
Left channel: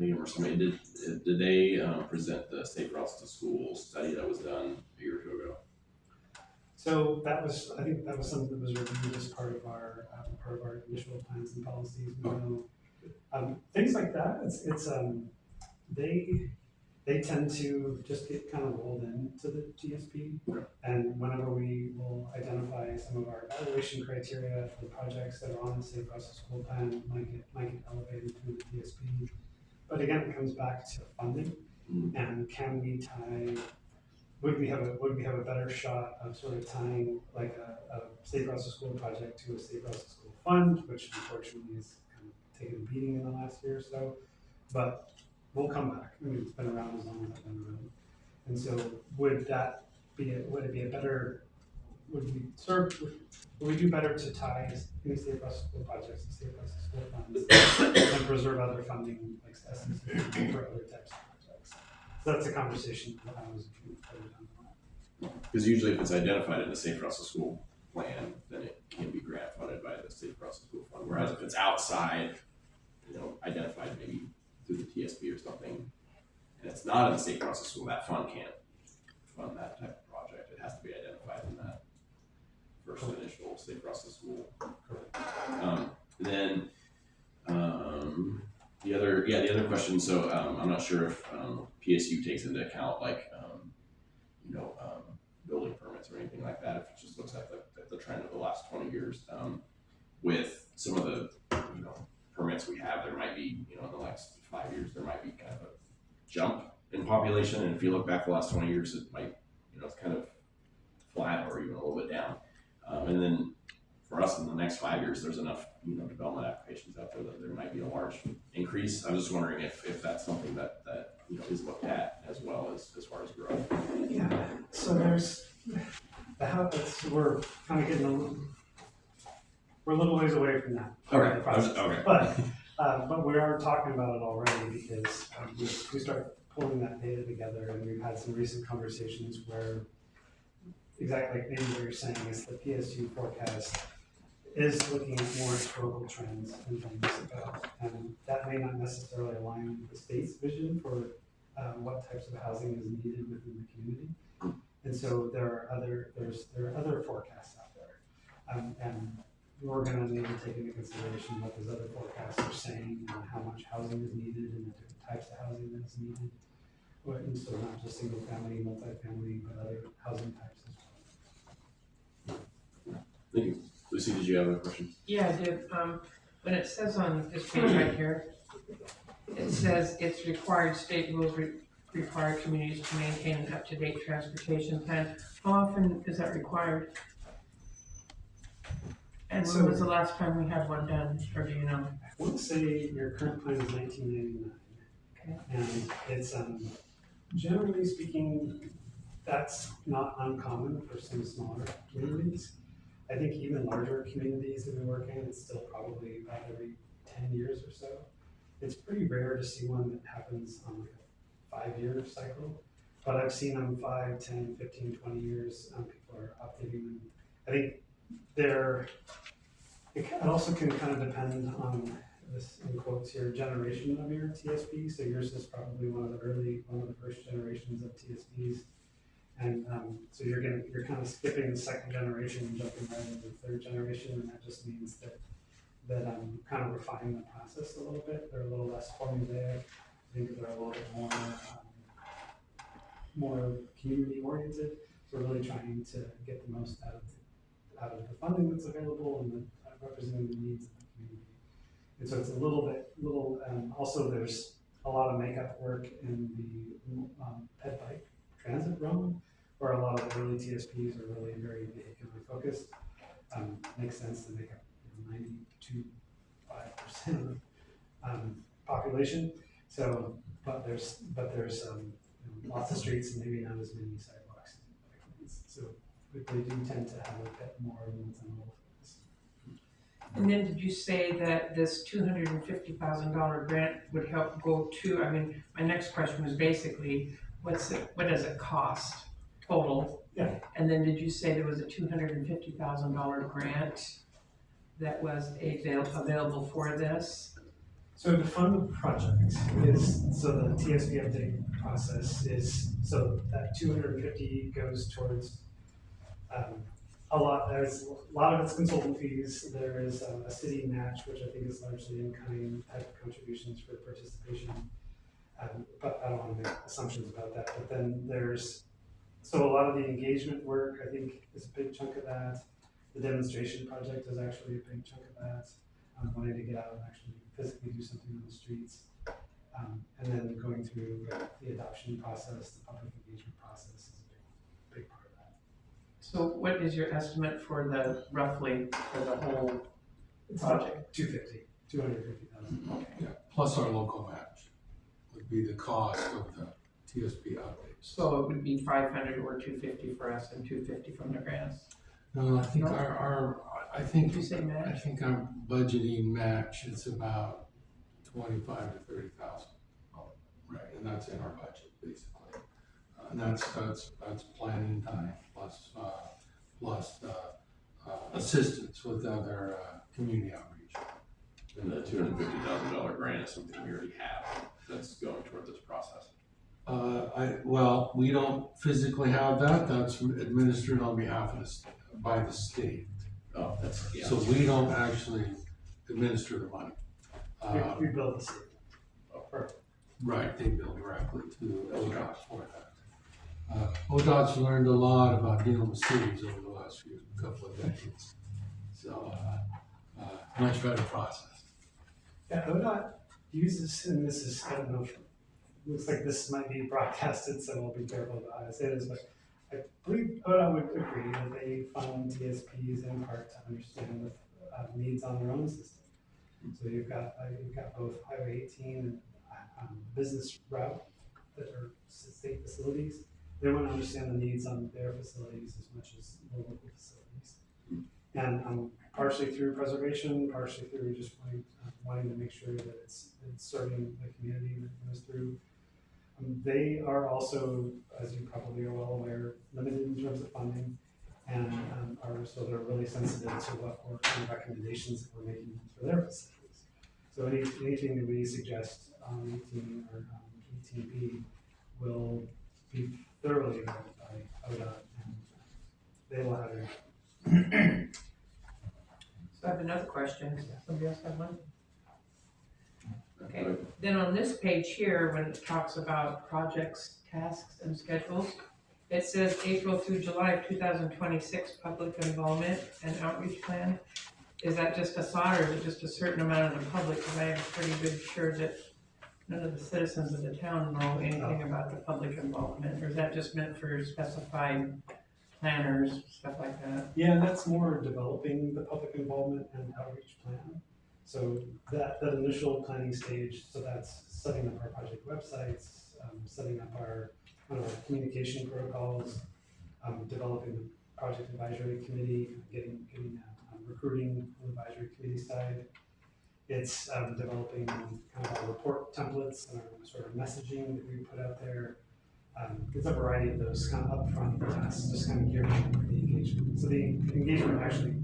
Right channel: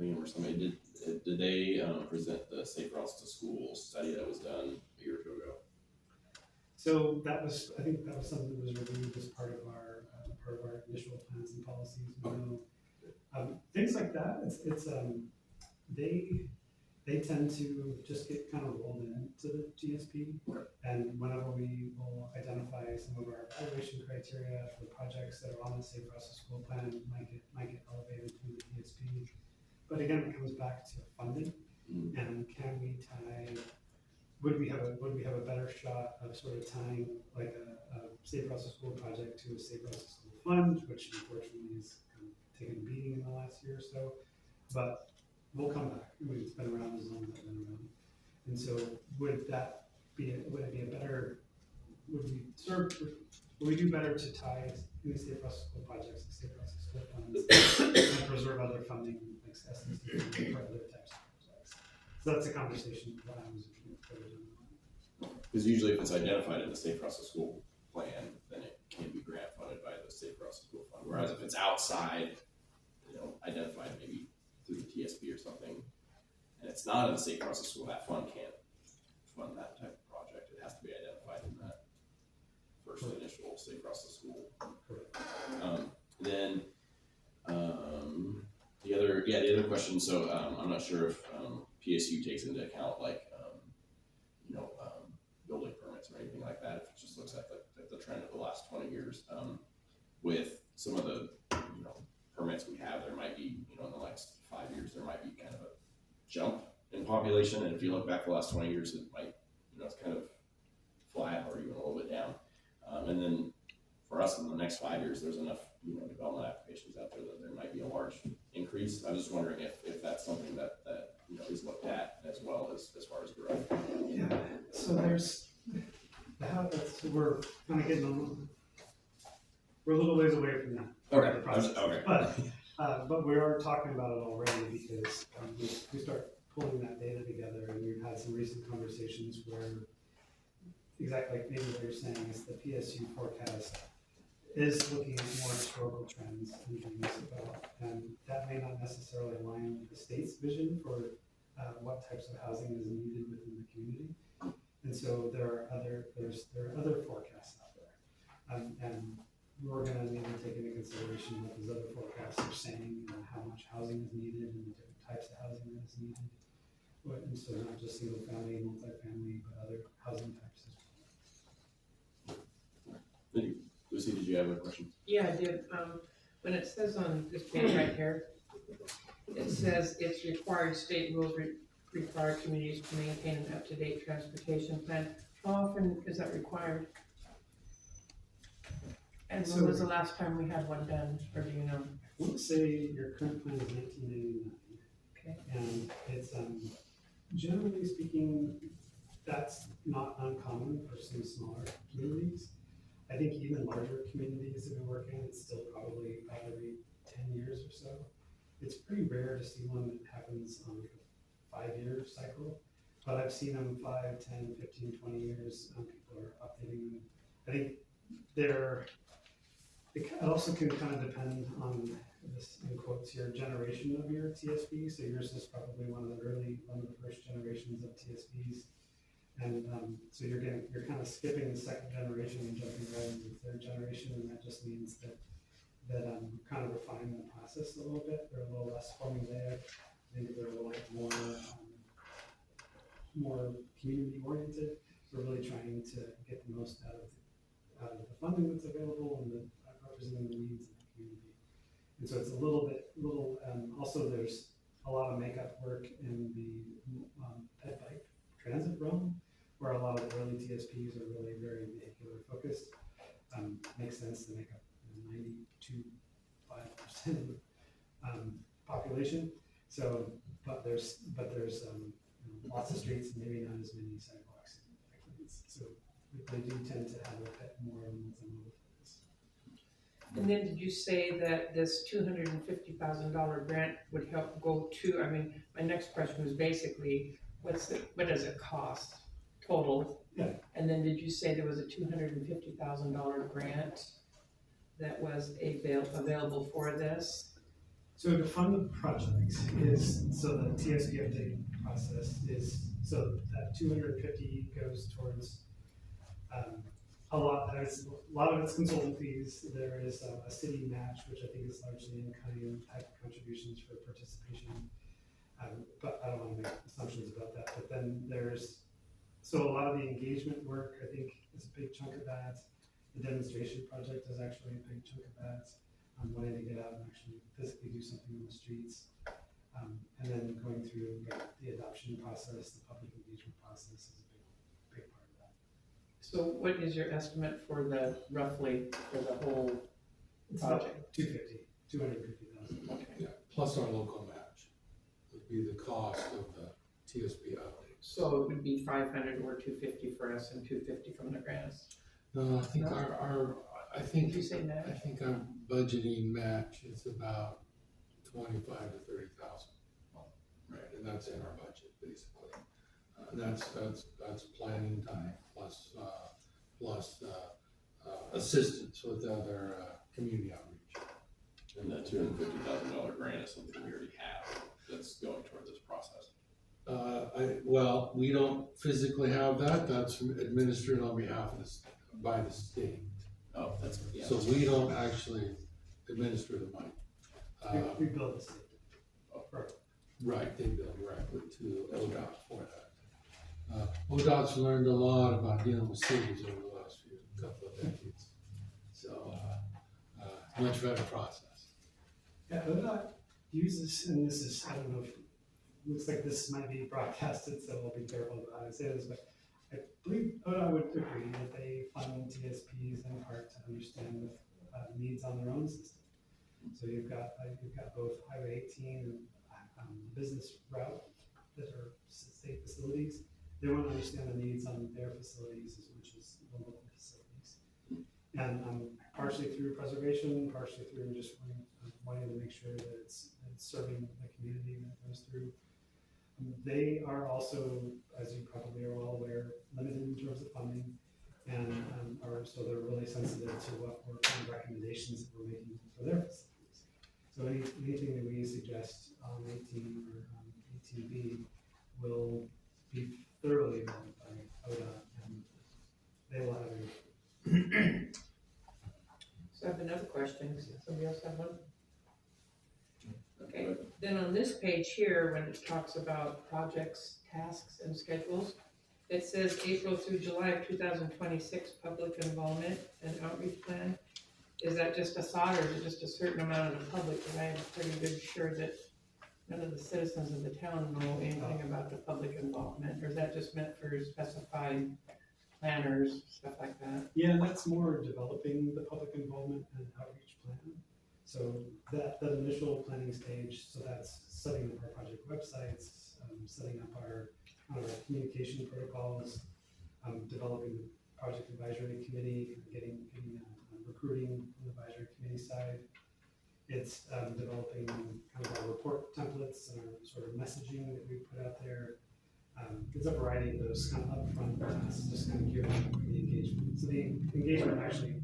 Liam or somebody, did they present the Safe Routes to School study that was done a year or two ago? So I think that was something that was reviewed as part of our initial plans and policies. Things like that, they tend to just get kind of rolled into the GSP. Okay. And whenever we will identify some of our evaluation criteria for the projects that are on the Safe Routes to School plan, might get elevated through the GSP. But again, it comes back to funding, and can we tie? Would we have a better shot of sort of tying like a Safe Routes to School project to a Safe Routes to School fund, which unfortunately has kind of taken a beating in the last year or so, but we'll come back. I mean, it's been around as long as I've been around, and so would we do better to tie any Safe Routes to School projects to Safe Routes to School funds and preserve other funding like SDC for other types of projects? So that's a conversation that I was further down the line. Because usually if it's identified in the Safe Routes to School plan, then it can be grant funded by the Safe Routes to School fund. Whereas if it's outside, identified maybe through the TSP or something, and it's not in the Safe Routes to School, that fund can't fund that type of project. It has to be identified in that first initial Safe Routes to School. Then the other question. So I'm not sure if PSU takes into account building permits or anything like that. If it just looks at the trend of the last 20 years, with some of the permits we have, there might be in the next 5 years there might be kind of a jump in population, and if you look back the last 20 years, it might it's kind of flat or even a little bit down. And then for us in the next 5 years, there's enough development applications out there that there might be a large increase. I was just wondering if that's something that is looked at as well as far as growth. Yeah. So there's we're kind of getting we're a little ways away from that. Okay. The process. Okay. But we are talking about it already because we start pulling that data together, and we've had some recent conversations where exactly like maybe what you're saying is the PSU forecast is looking at more historical trends and things about, and that may not necessarily align with the state's vision for what types of housing is needed within the community. And so there are other forecasts out there. And we're gonna need to take into consideration what those other forecasts are saying and how much housing is needed and the different types of housing that is needed. And so not just single family, multifamily, but other housing types as well. Thank you. Lucy, did you have a question? Yeah, I did. When it says on this page right here, it says it's required, state rules require communities to maintain an up-to-date transportation plan. How often is that required? And when was the last time we had one done, or do you know? I would say your current plan is 1999. Okay. And it's, generally speaking, that's not uncommon for some smaller communities. I think even larger communities that we work in, it's still probably about every 10 years or so. It's pretty rare to see one that happens on like a 5-year cycle, but I've seen them 5, 10, 15, 20 years. People are updating them. I think it also can kind of depend on this, in quotes here, generation of your TSP. So yours is probably one of the first generations of TSPs. And so you're kind of skipping the second generation and jumping right into the third generation, and that just means that kind of refine the process a little bit. They're a little less formulaic. I think they're a little bit more community oriented. We're really trying to get the most out of the funding that's available and representing the needs of the community. And so it's a little also there's a lot of makeup work in the ped bike transit realm, where a lot of early TSPs are really very vehicular focused. Makes sense to make up 92.5% of population. So, but there's lots of streets and maybe not as many sidewalks and bike lanes. So they do tend to have a bit more multimodal focus. And then did you say that this $250,000 grant would help go to, I mean, my next question was basically, what does it cost total? Yeah. And then did you say there was a $250,000 grant that was available for this? So to fund the project so the TSP update process is, so that 250 goes towards there's a lot of it's consultant fees. There is a city match, which I think is largely in-kind type of contributions for participation. But I don't want to make assumptions about that. But then so a lot of the engagement work, I think, is a big chunk of that. The demonstration project is actually a big chunk of that. Wanting to get out and actually physically do something on the streets. And then going through the adoption process, the public engagement process is a big part of that. So what is your estimate for roughly for the whole It's about project? 250,000. Okay. Yeah, plus our local match would be the cost of the TSP updates. So it would be 500 or 250 for us and 250 from the grants. No, I think No? I think Did you say match? I think our budgeting match is about 25 to 30,000. Right, and that's in our budget basically. And that's planning time plus assistance with other community outreach. And the $250,000 grant is something we already have that's going toward this process. Well, we don't physically have that. That's administered on behalf of by the state. Oh, that's, yeah. So we don't actually administer the money. We build the city. Right, they bill directly to ODOT for that. ODOT's learned a lot about dealing with cities over the last couple of decades. So, much better process. Yeah, ODOT uses, and this is, I don't know, looks like this might be broadcasted, so I'll be careful about how I say this, but I believe ODOT would agree that they fund TSPs in part to understand the needs on their own system. So you've got both Highway 18 and business route that are state facilities. They want to understand the needs on their facilities as much as the local facilities. And partially through preservation, partially through just wanting to make sure that it's serving the community that it goes through. They are also, as you probably are all aware, limited in terms of funding, and they're really sensitive to what kind of recommendations that we're making for their facilities. So anything that we suggest on 18 or 18B will be thoroughly vetted by ODOT, and they will have a. So I have another question. Somebody else have one? Okay. Right. Then on this page here, when it talks about projects, tasks, and schedules, it says April through July of 2026 public involvement and outreach plan. Is that just a thought, or is it just a certain amount of the public? Because I am pretty good sure that none of the citizens of the town know anything about the public involvement, or is that just meant for specified planners, stuff like that? Yeah, that's more developing the public involvement and outreach plan. So that initial planning stage, so that's setting up our project websites, setting up our communication protocols, developing the project advisory committee, getting recruiting on the advisory committee side. It's developing kind of our report templates and our sort of messaging that we put out there. It's a variety of those kind of upfront tasks, just kind of geared for the engagement. So the engagement actually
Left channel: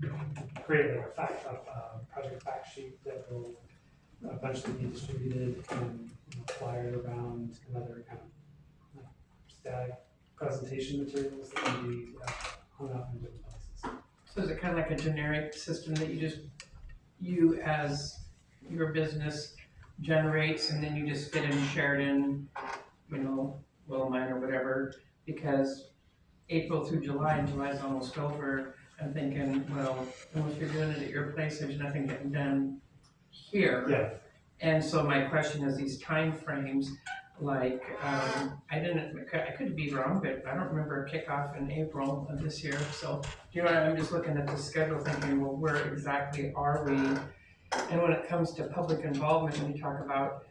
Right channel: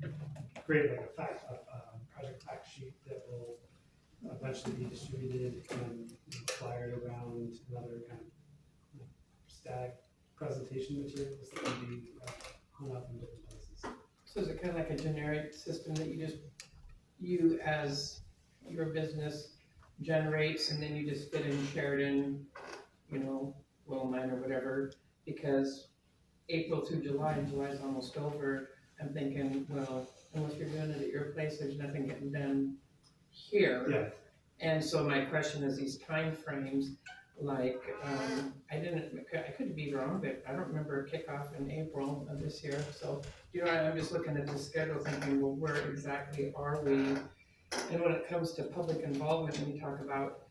created like a project fact sheet that will eventually be distributed and flyers around, and other kind of static presentation materials that can be hung up in different places. So is it kind of like a generic system that you as your business generates, and then you just fit in Sheridan, Willamine or whatever, because April through July, and July's almost over, I'm thinking, well, unless you're doing it at your place, there's nothing getting done here. Yeah. And so my question is these time frames, like, I could be wrong, but I don't remember a kickoff in April of this year, so, I'm just looking at the schedule thinking, well, where exactly are we? And when it comes to public involvement, when you talk about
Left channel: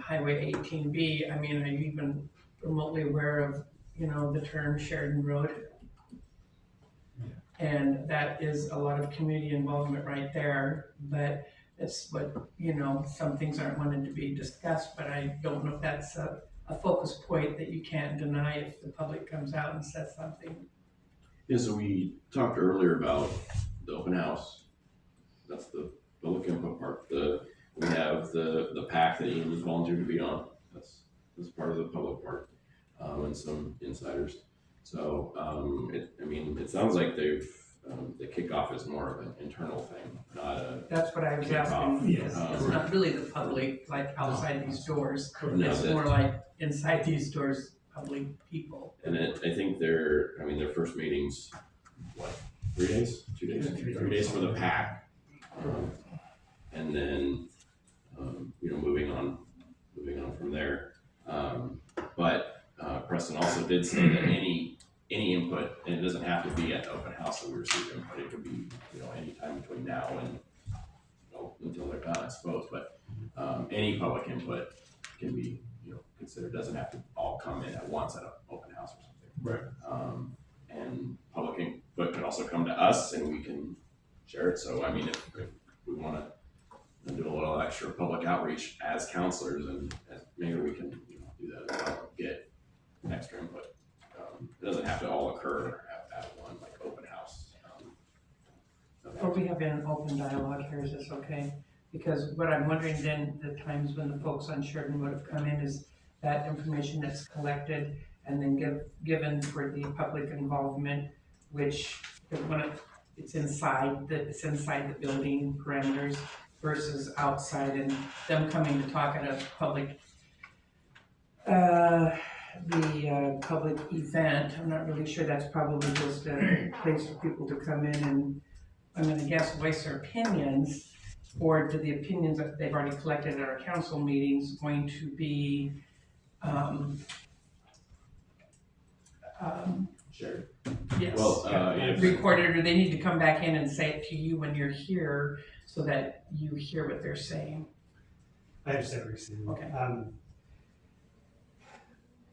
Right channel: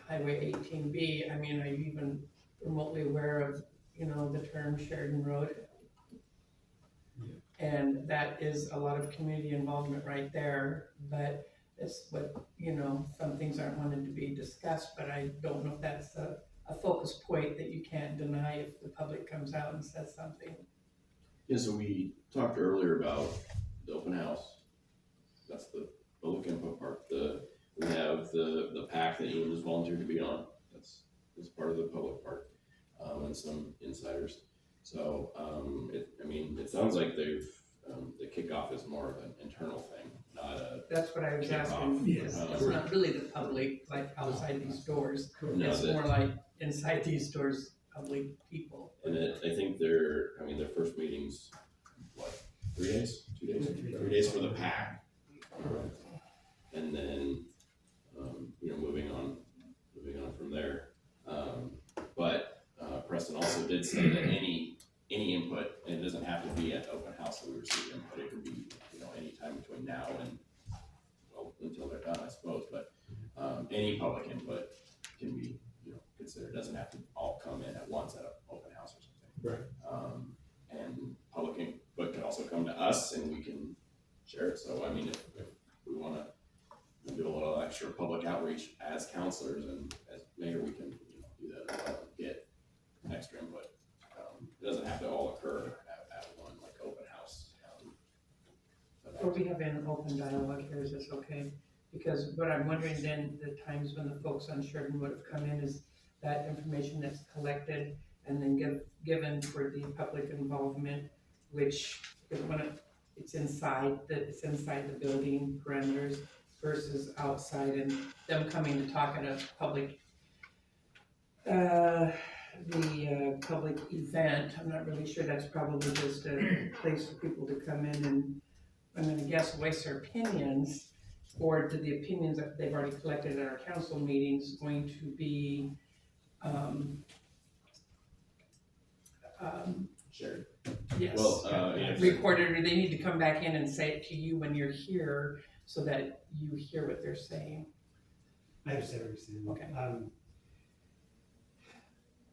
Highway 18B, are you even remotely aware of, the term Sheridan Road? Yeah. And that is a lot of community involvement right there, but it's what, some things aren't wanted to be discussed, but I don't know if that's a focus point that you can't deny if the public comes out and says something. Yeah, so we talked earlier about the open house. That's the public input part. We have the pack that you just volunteered to be on. That's part of the public part, and some insiders. So it sounds like the kickoff is more of an internal thing, not a That's what I was kickoff. asking. Yes. It's not really the public, like outside these doors. No, It's more like inside these doors, public people. And I think their first meeting's, 3 days? 2 days? 3 days for the pack. And then, moving on from there. But Preston also did say that any input, and it doesn't have to be at the open house that we receive input, it could be, any time between now and, until they're done, I suppose, but, any public input can be, considered, doesn't have to all come in at once at an open house or something. Right. And public input could also come to us and we can share it, so if we wanna do a little extra public outreach as counselors, and maybe we can, do that as well, get extra input. It doesn't have to all occur at one, like open house. Or we have an open dialogue here, is this okay? Because what I'm wondering then, the times when the folks on Sheridan would have come in, is that information that's collected and then given for the public involvement, which when it's inside the building parameters versus outside, and them coming to talk at a public public event. I'm not really sure, that's probably just a place for people to come in and, I'm gonna guess, voice their opinions, or do the opinions that they've already collected at our council meetings going to be, Sure. yes, Well, recorded, or they need to come back in and say it to you when you're here, so that you hear what they're saying? I understand what you're saying. Okay.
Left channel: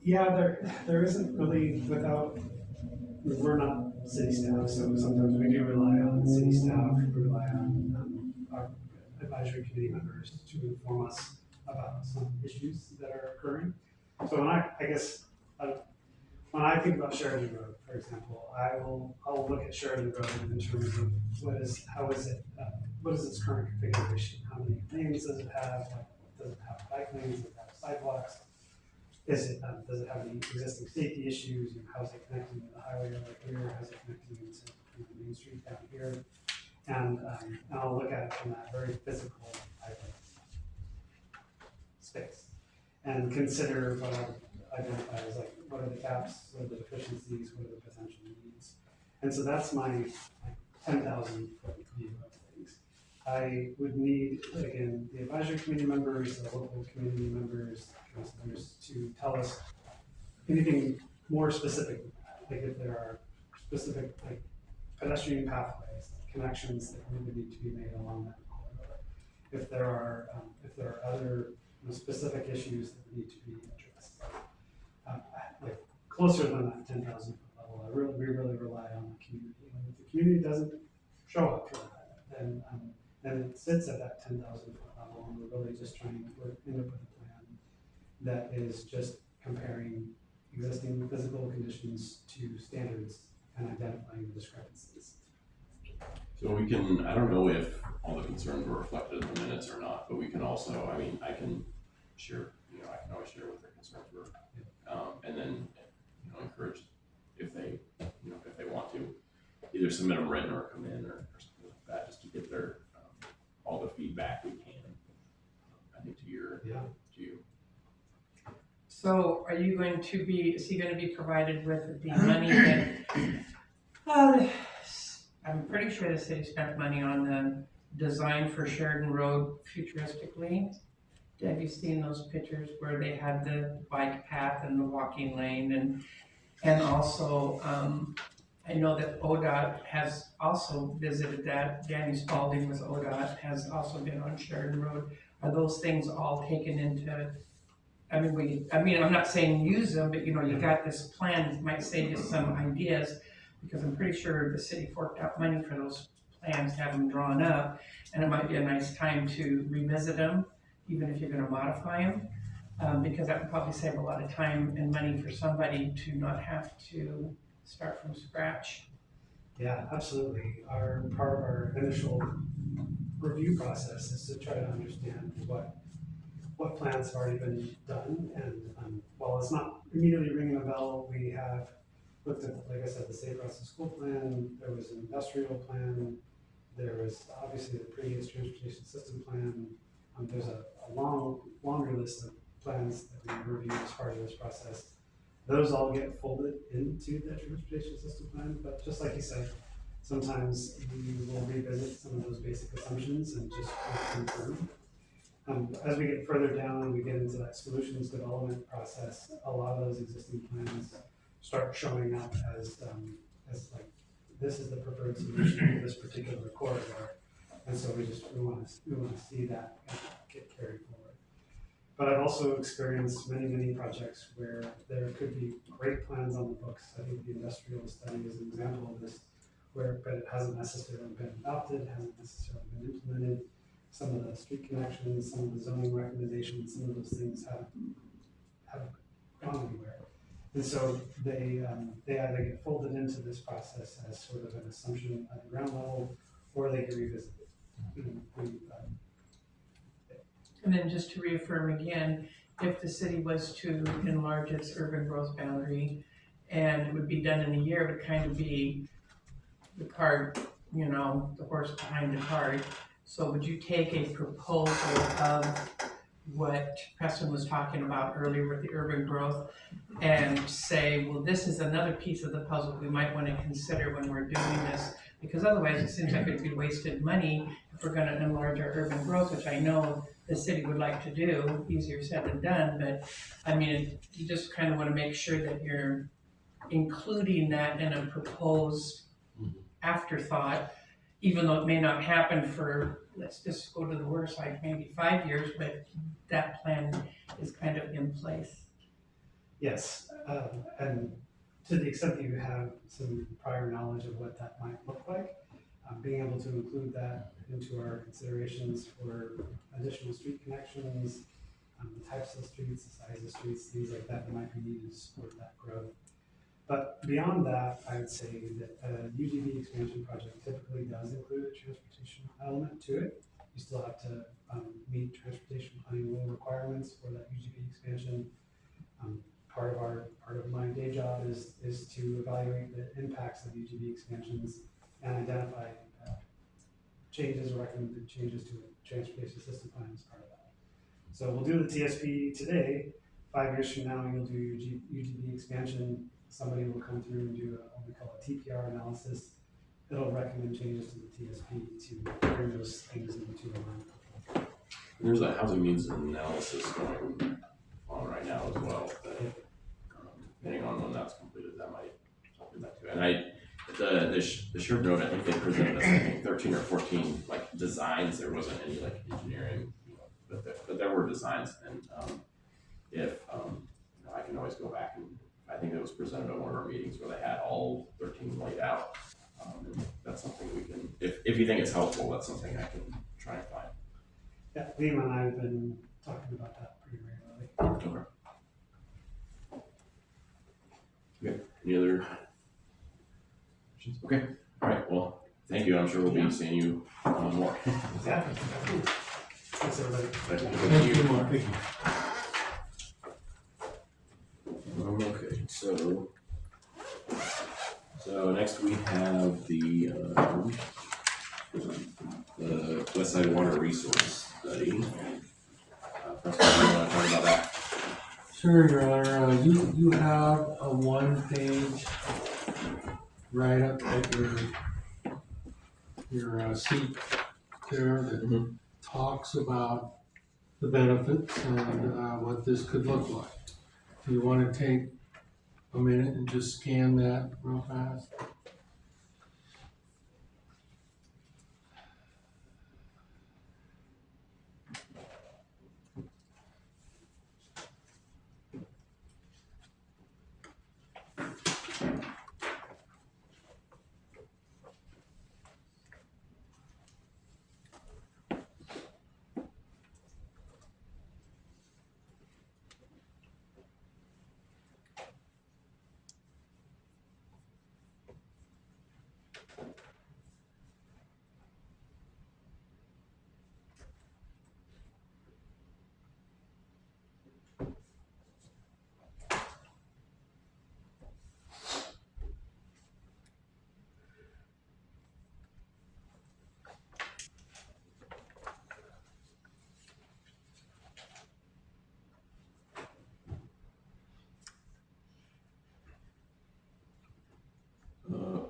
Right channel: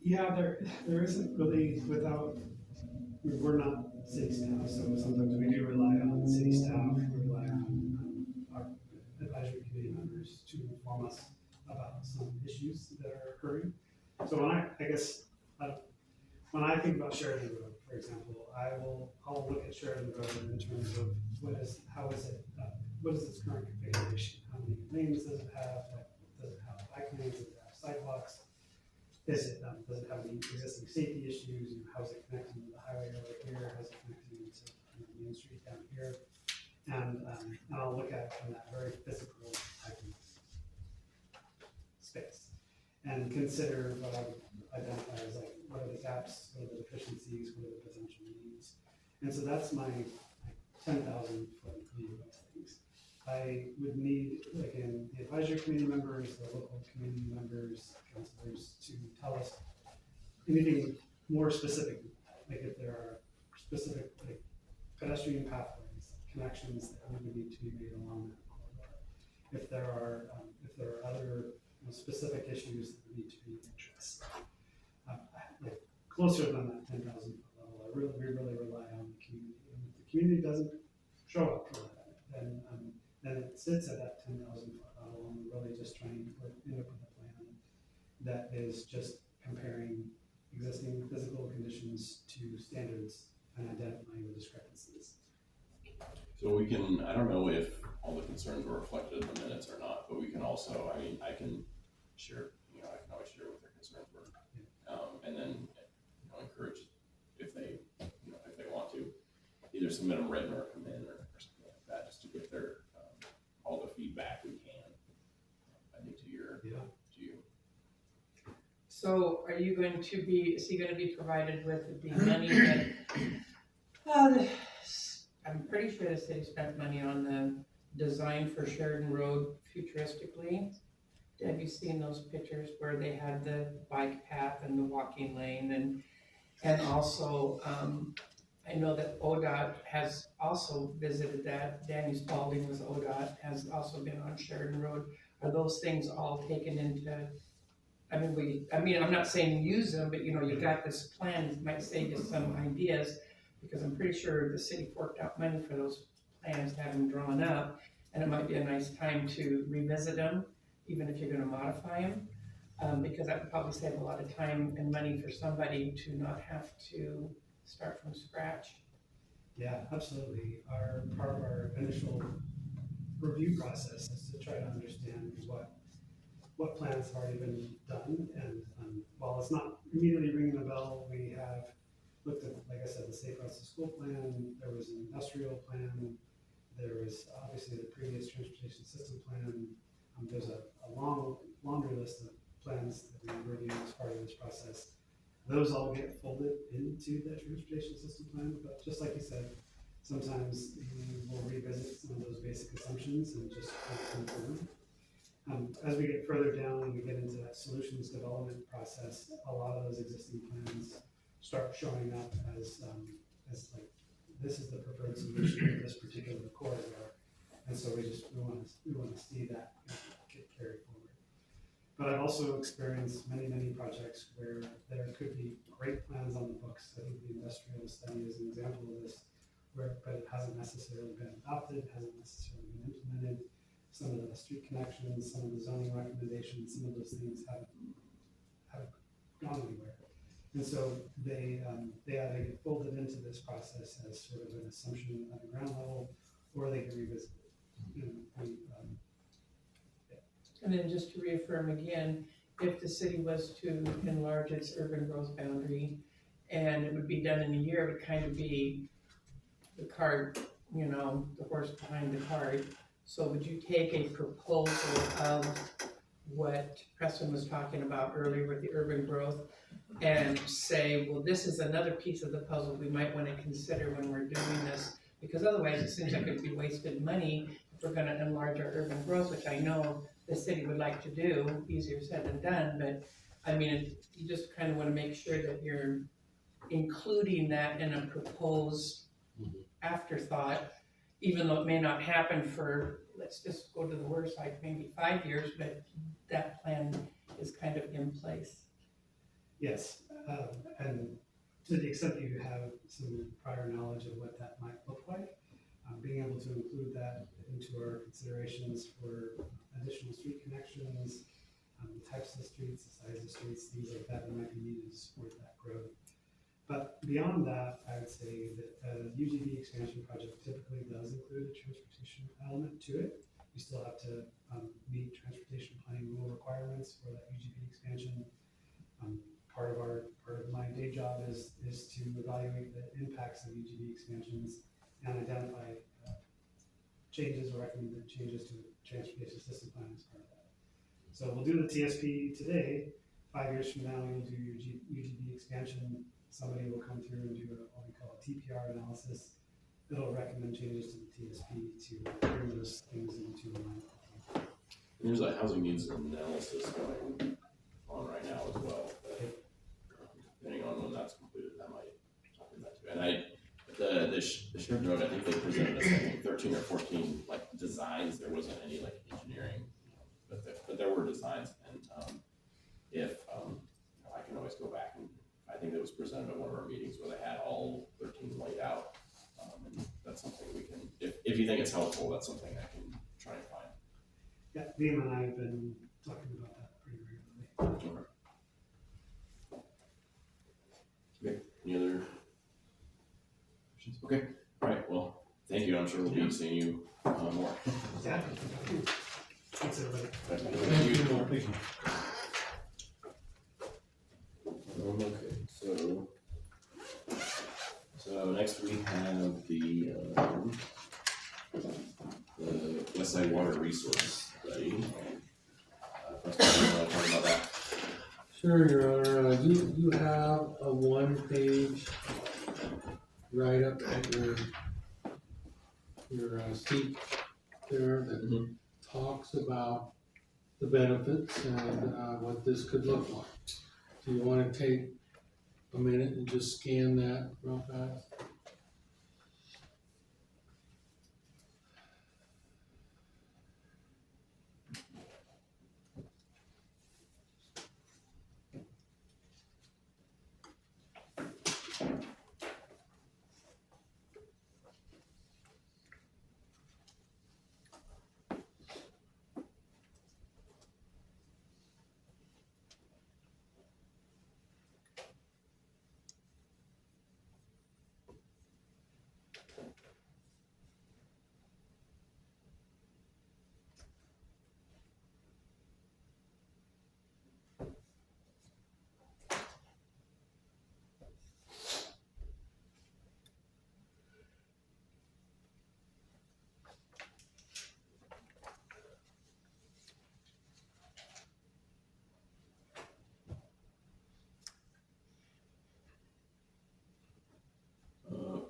Yeah, there isn't really, we're not city staff, so sometimes we do rely on city staff, we rely on our advisory committee members to inform us about some issues that are occurring. So when I think about Sheridan Road, for example, I'll look at Sheridan Road in terms of what is its current configuration? How many lanes does it have? Does it have bike lanes? Does it have sidewalks? does it have any existing safety issues? How is it connecting to the highway over here? How's it connecting into Main Street down here? And I'll look at it from that very physical type of space and consider what I identify as like, what are the gaps, what are the deficiencies, what are the potential needs? And so that's my 10,000 foot view of things. I would need, again, the advisory committee members, the local community members, councilors to tell us anything more specific, like if there are specific like pedestrian pathways, connections that would need to be made along that corridor. If there are other specific issues that need to be addressed, like closer than that 10,000 foot level, we really rely on the community. And if the community doesn't show up for that, then it sits at that 10,000 foot level, and we're really just trying to end up with a plan that is just comparing existing physical conditions to standards and identifying the discrepancies. So we can, I don't know if all the concerns were reflected in the minutes or not, but we can also, I mean, I can share, I can always share what their concerns were. And then, encourage if they, if they want to, either submit them written or come in or something like that, just to get their, all the feedback we can, I think to you. So are you going to be, is he gonna be provided with the money that, I'm pretty sure the city spent money on the design for Sheridan Road futuristically. Have you seen those pictures where they had the bike path and the walking lane and also, I know that ODOT has also visited that. Danny Spalding with ODOT has also been on Sheridan Road. Are those things all taken into, I'm not saying use them, but you got this plan, might save you some ideas, because I'm pretty sure the city forked out money for those plans to have them drawn up, and it might be a nice time to revisit them, even if you're gonna modify them, because that would probably save a lot of time and money for somebody to not have to start from scratch. Yeah, absolutely. Part of our initial review process is to try to understand what plans have already been done, and while it's not immediately ringing a bell, we have looked at, like I said, the Safe Routes to School plan. There was an industrial plan. There was obviously the previous transportation system plan. There's a laundry list of plans that we reviewed as part of this process. Those all get folded into the transportation system plan, but just like you said, sometimes we will revisit some of those basic assumptions and just confirm. As we get further down and we get into that solutions development process, a lot of those existing plans start showing up as like, this is the preferred solution for this particular corridor. And so we want to see that get carried forward. But I've also experienced many projects where there could be great plans on the books. I think the industrial study is an example of this, but it hasn't necessarily been adopted, hasn't necessarily been implemented. Some of the street connections, some of the zoning recommendations, some of those things haven't gone anywhere. And so they either get folded into this process as sort of an assumption at the ground level, or they get revisited. And then just to reaffirm again, if the city was to enlarge its urban growth boundary, and it would be done in a year, it would kind of be the cart, the horse behind the cart. So would you take a proposal of what Preston was talking about earlier with the urban growth and say, well, this is another piece of the puzzle we might want to consider when we're doing this, because otherwise it seems like it'd be wasted money if we're going to enlarge our urban growth, which I know the city would like to do, easier said than done, but you just kind of want to make sure that you're including that in a proposed afterthought, even though it may not happen for, let's just go to the worst side, maybe 5 years, but that plan is kind of in place. Yes, and to the extent that you have some prior knowledge of what that might look like, being able to include that into our considerations for additional street connections, the types of streets, the size of streets, things like that might be needed to support that growth. But beyond that, I would say that a UGB expansion project typically does include a transportation element to it. You still have to meet transportation planning rule requirements for that UGB expansion. Part of my day job is to evaluate the impacts of UGB expansions and identify changes or recommended changes to the transportation system plan as part of that. So we'll do the TSP today. 5 years from now, you'll do your UGB expansion. Somebody will come through and do what we call a TPR analysis. It'll recommend changes to the TSP to bring those things into line. There's a housing needs analysis going on right now as well. That, depending on when that's completed, that might do that too. And the short note, I think they presented us, I think 13 or 14 like designs. There wasn't any like engineering, but there were designs. And I can always go back, and I think it was presented at one of our meetings where they had all 13 laid out. And that's something we can, if you think it's helpful, that's something I can try and find. Yeah, Liam and I have been talking about that pretty regularly. Okay. Any other questions? Okay. All right. Well, thank you. I'm sure we'll be seeing you more. Yeah. Thanks, everybody. Thank you. Mark. Thank you. Okay. So next we have the Westside Water Resource Study. Preston, you want to talk about that? Sure, Your Honor. You have a 1-page write-up at your seat there that talks about the benefits and what this could look like. Do you want to take a minute and just scan that real fast?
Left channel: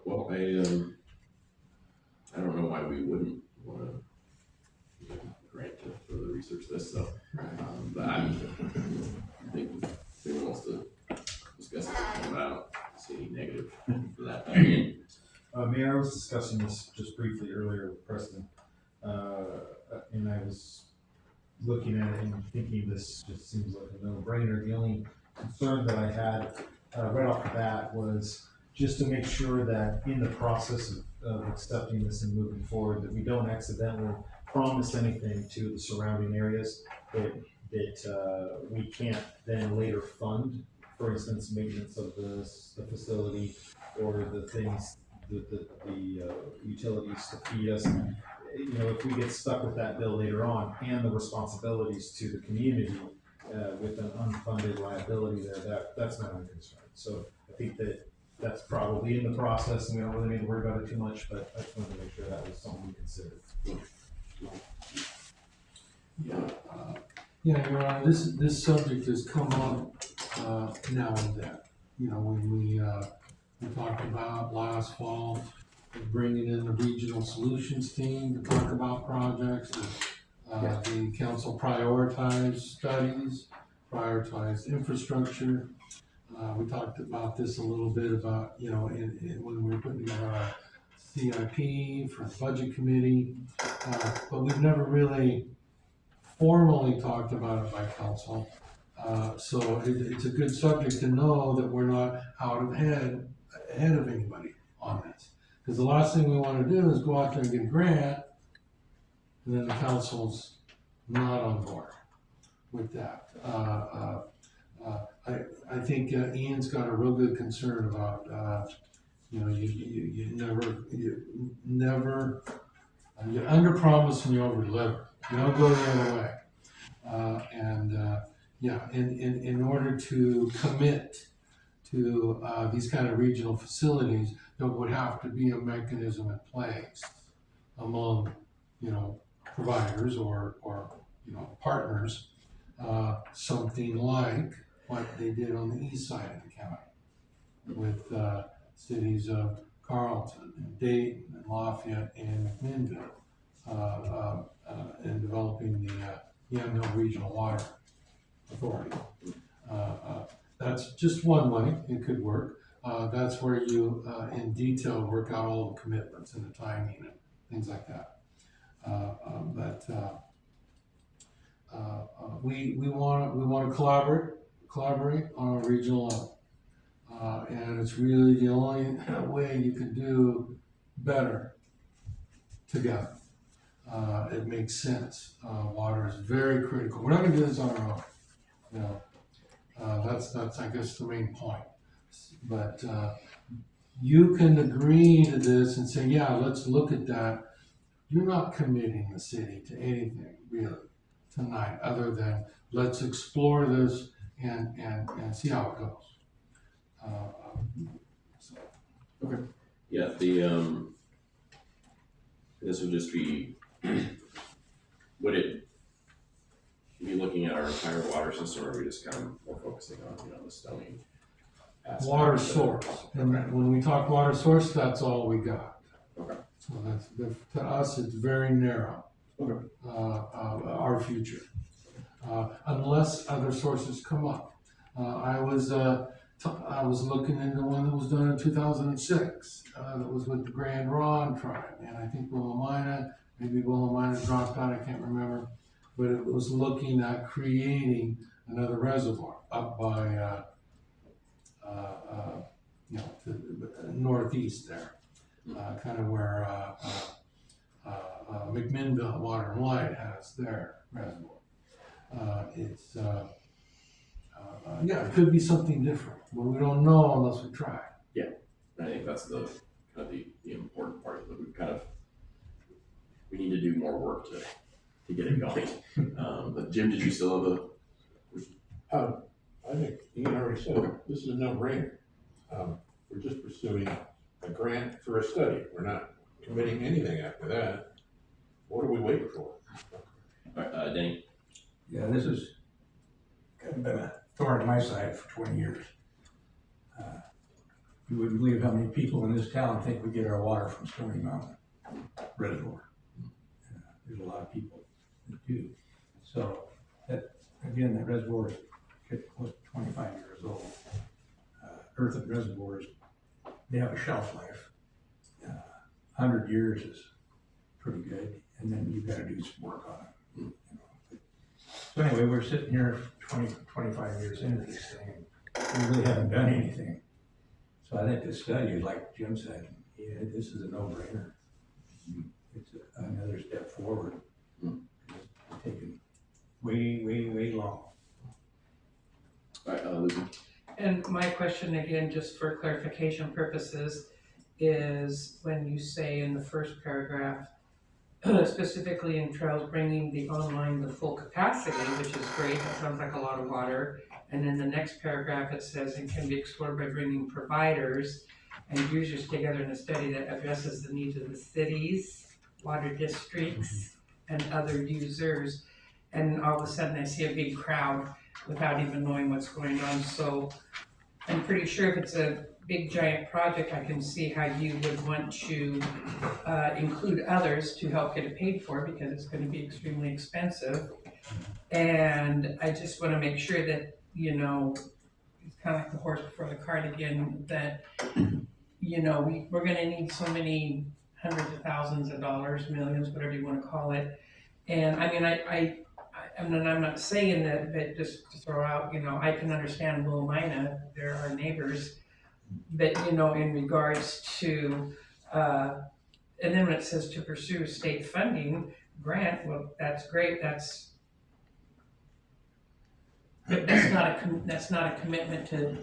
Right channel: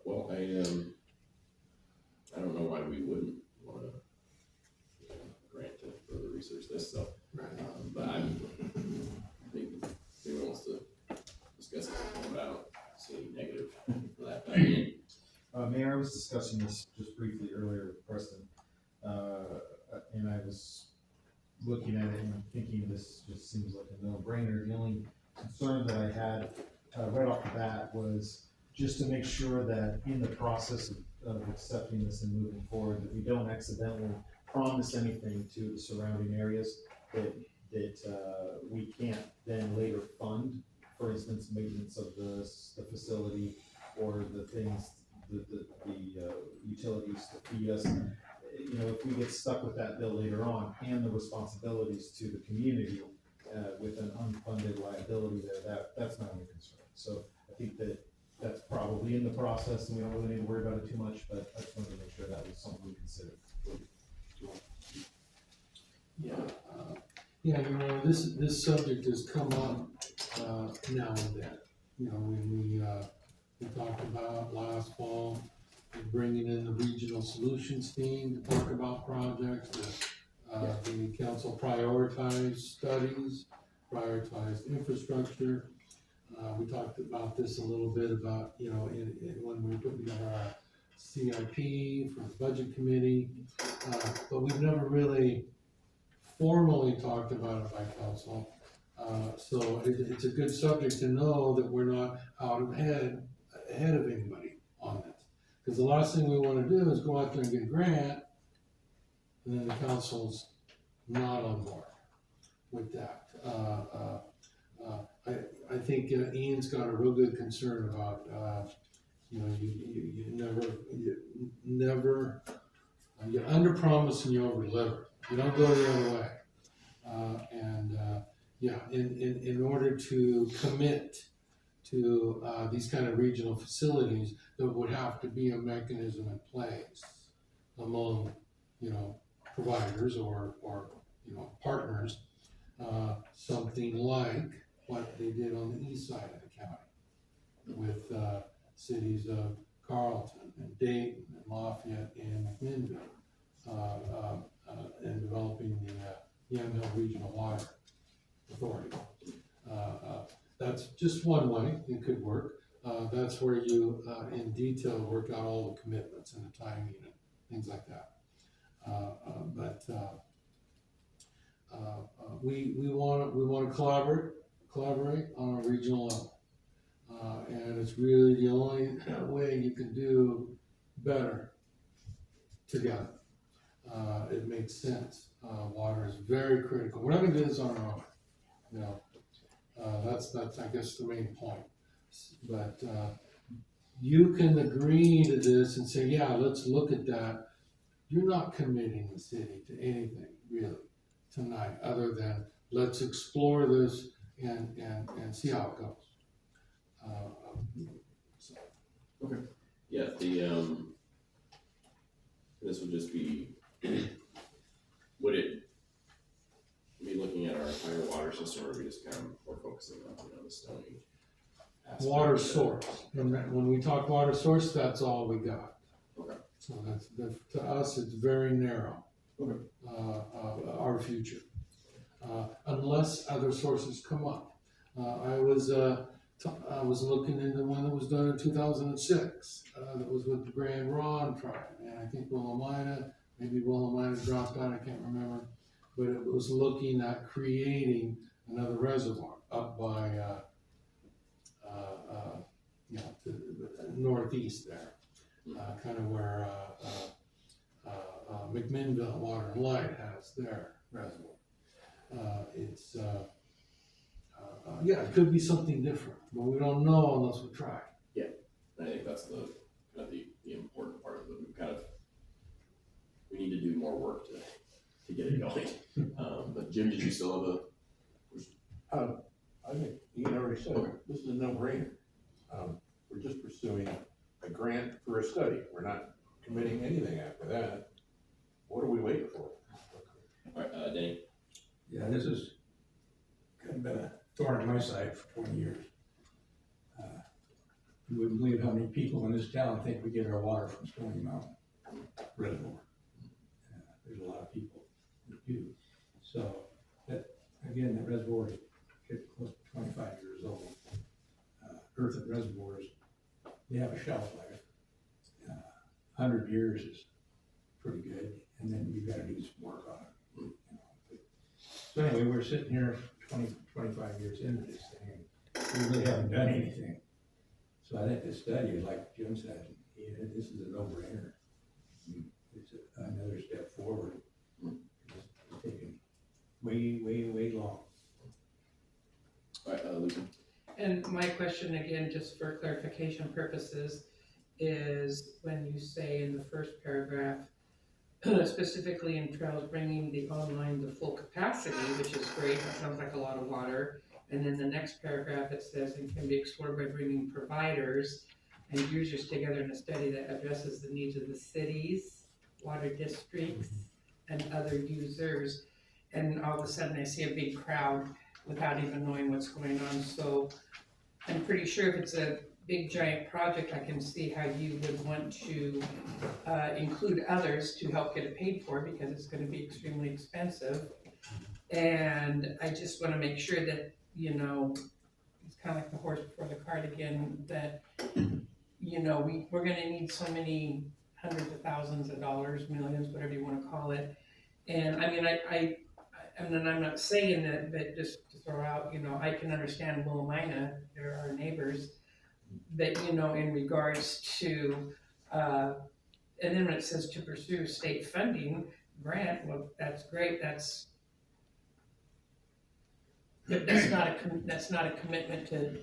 Well, I don't know why we wouldn't want to grant to further research this stuff. Right. But I think if anyone wants to discuss it, but I don't see any negative for that. Mayor, I was discussing this just briefly earlier with Preston, and I was looking at it and thinking this just seems like a no-brainer. The only concern that I had right off the bat was just to make sure that in the process of accepting this and moving forward, that we don't accidentally promise anything to the surrounding areas that we can't then later fund. For instance, maintenance of the facility or the things, the utilities to feed us. You know, if we get stuck with that bill later on and the responsibilities to the community with an unfunded liability there, that's not my concern. So I think that's probably in the process, and we don't really need to worry about it too much, but I just wanted to make sure that was something we considered. Yeah, Your Honor, this subject has come up now and then. You know, when we talked about last fall, bringing in the regional solutions team to talk about projects. The council prioritized studies, prioritized infrastructure. We talked about this a little bit about, you know, when we were putting together our CIP for the budget committee, but we've never really formally talked about it by council. So it's a good subject to know that we're not ahead of anybody on this. Because the last thing we want to do is go out there and get a grant, and then the council's not on board with that. I think Ian's got a real good concern about, you know, you never, you under promise and you over deliver. You don't go the other way. Yeah, in order to commit to, these kind of regional facilities, there would have to be a mechanism in place among, you know, providers or, you know, partners, something like what they did on the east side of the county with, cities of Carlton and Dayton and Lafayette and McMinnville, in developing the Yamhill Regional Water Authority. That's just one way it could work. That's where you, in detail, work out all the commitments and the timing and things like that. We want to collaborate on a regional level. And it's really the only way you can do better together. It makes sense. Water is very critical. We're not gonna do this on our own, you know. That's I guess the main point. But you can agree to this and say, yeah, let's look at that. You're not committing the city to anything really tonight, other than let's explore this and see how it goes. Yeah, this would just be, would it be looking at our entire water system, or are we just kind of more focusing on, you know, the Stony aspect? Water source, and when we talk water source, that's all we got. Okay. So to us, it's very narrow. Okay. Our future, unless other sources come up. I was looking into one that was done in 2006, that was with the Grand Ron tribe, and I think maybe Willamina dropped out, I can't remember, but it was looking at creating another reservoir up by, you know, to the northeast there, kind of where, McMinnville Water and Light has their reservoir. Yeah, it could be something different, but we don't know unless we try. Yeah, I think that's the kind of the important part, that we need to do more work to get it going. But Jim, did you still have a? I think you already said, Okay. This is a no-brainer. We're just pursuing a grant for a study. We're not committing anything after that. What are we waiting for? All right, Danny. Yeah, this has kind of been a thorn in my side for 20 years. You wouldn't believe how many people in this town think we get our water from Stony Mountain Reservoir. There's a lot of people that do. So that, again, that reservoir is getting close to 25 years old. Earthen reservoirs, they have a shelf life. 100 years is pretty good, and then you've got to do some work on it. You know. So anyway, we're sitting here 25 years into this thing, and we really haven't done anything. So I think the study is, like Jim said, yeah, this is a no-brainer. It's another step forward. It's taken way long. All right, Lucy. And my question again, just for clarification purposes, is when you say in the first paragraph, specifically in trails bringing the online the full capacity, which is great, that sounds like a lot of water. And in the next paragraph, it says it can be explored by bringing providers and users together in a study that addresses the needs of the cities, water districts, and other users. And all of a sudden I see a big crowd without even knowing what's going on. So I'm pretty sure if it's a big giant project, I can see how you would want to include others to help get it paid for, because it's going to be extremely expensive. And I just want to make sure that, you know, it's kind of like the horse before the cart again, that, you know, we're going to need so many hundreds of thousands of dollars, millions, whatever you want to call it. And I mean, I'm not saying that, but just to throw out, you know, I can understand Willamina, they're our neighbors, but, you know, in regards to, and then when it says to pursue state funding grant, well, that's great, that's not a commitment to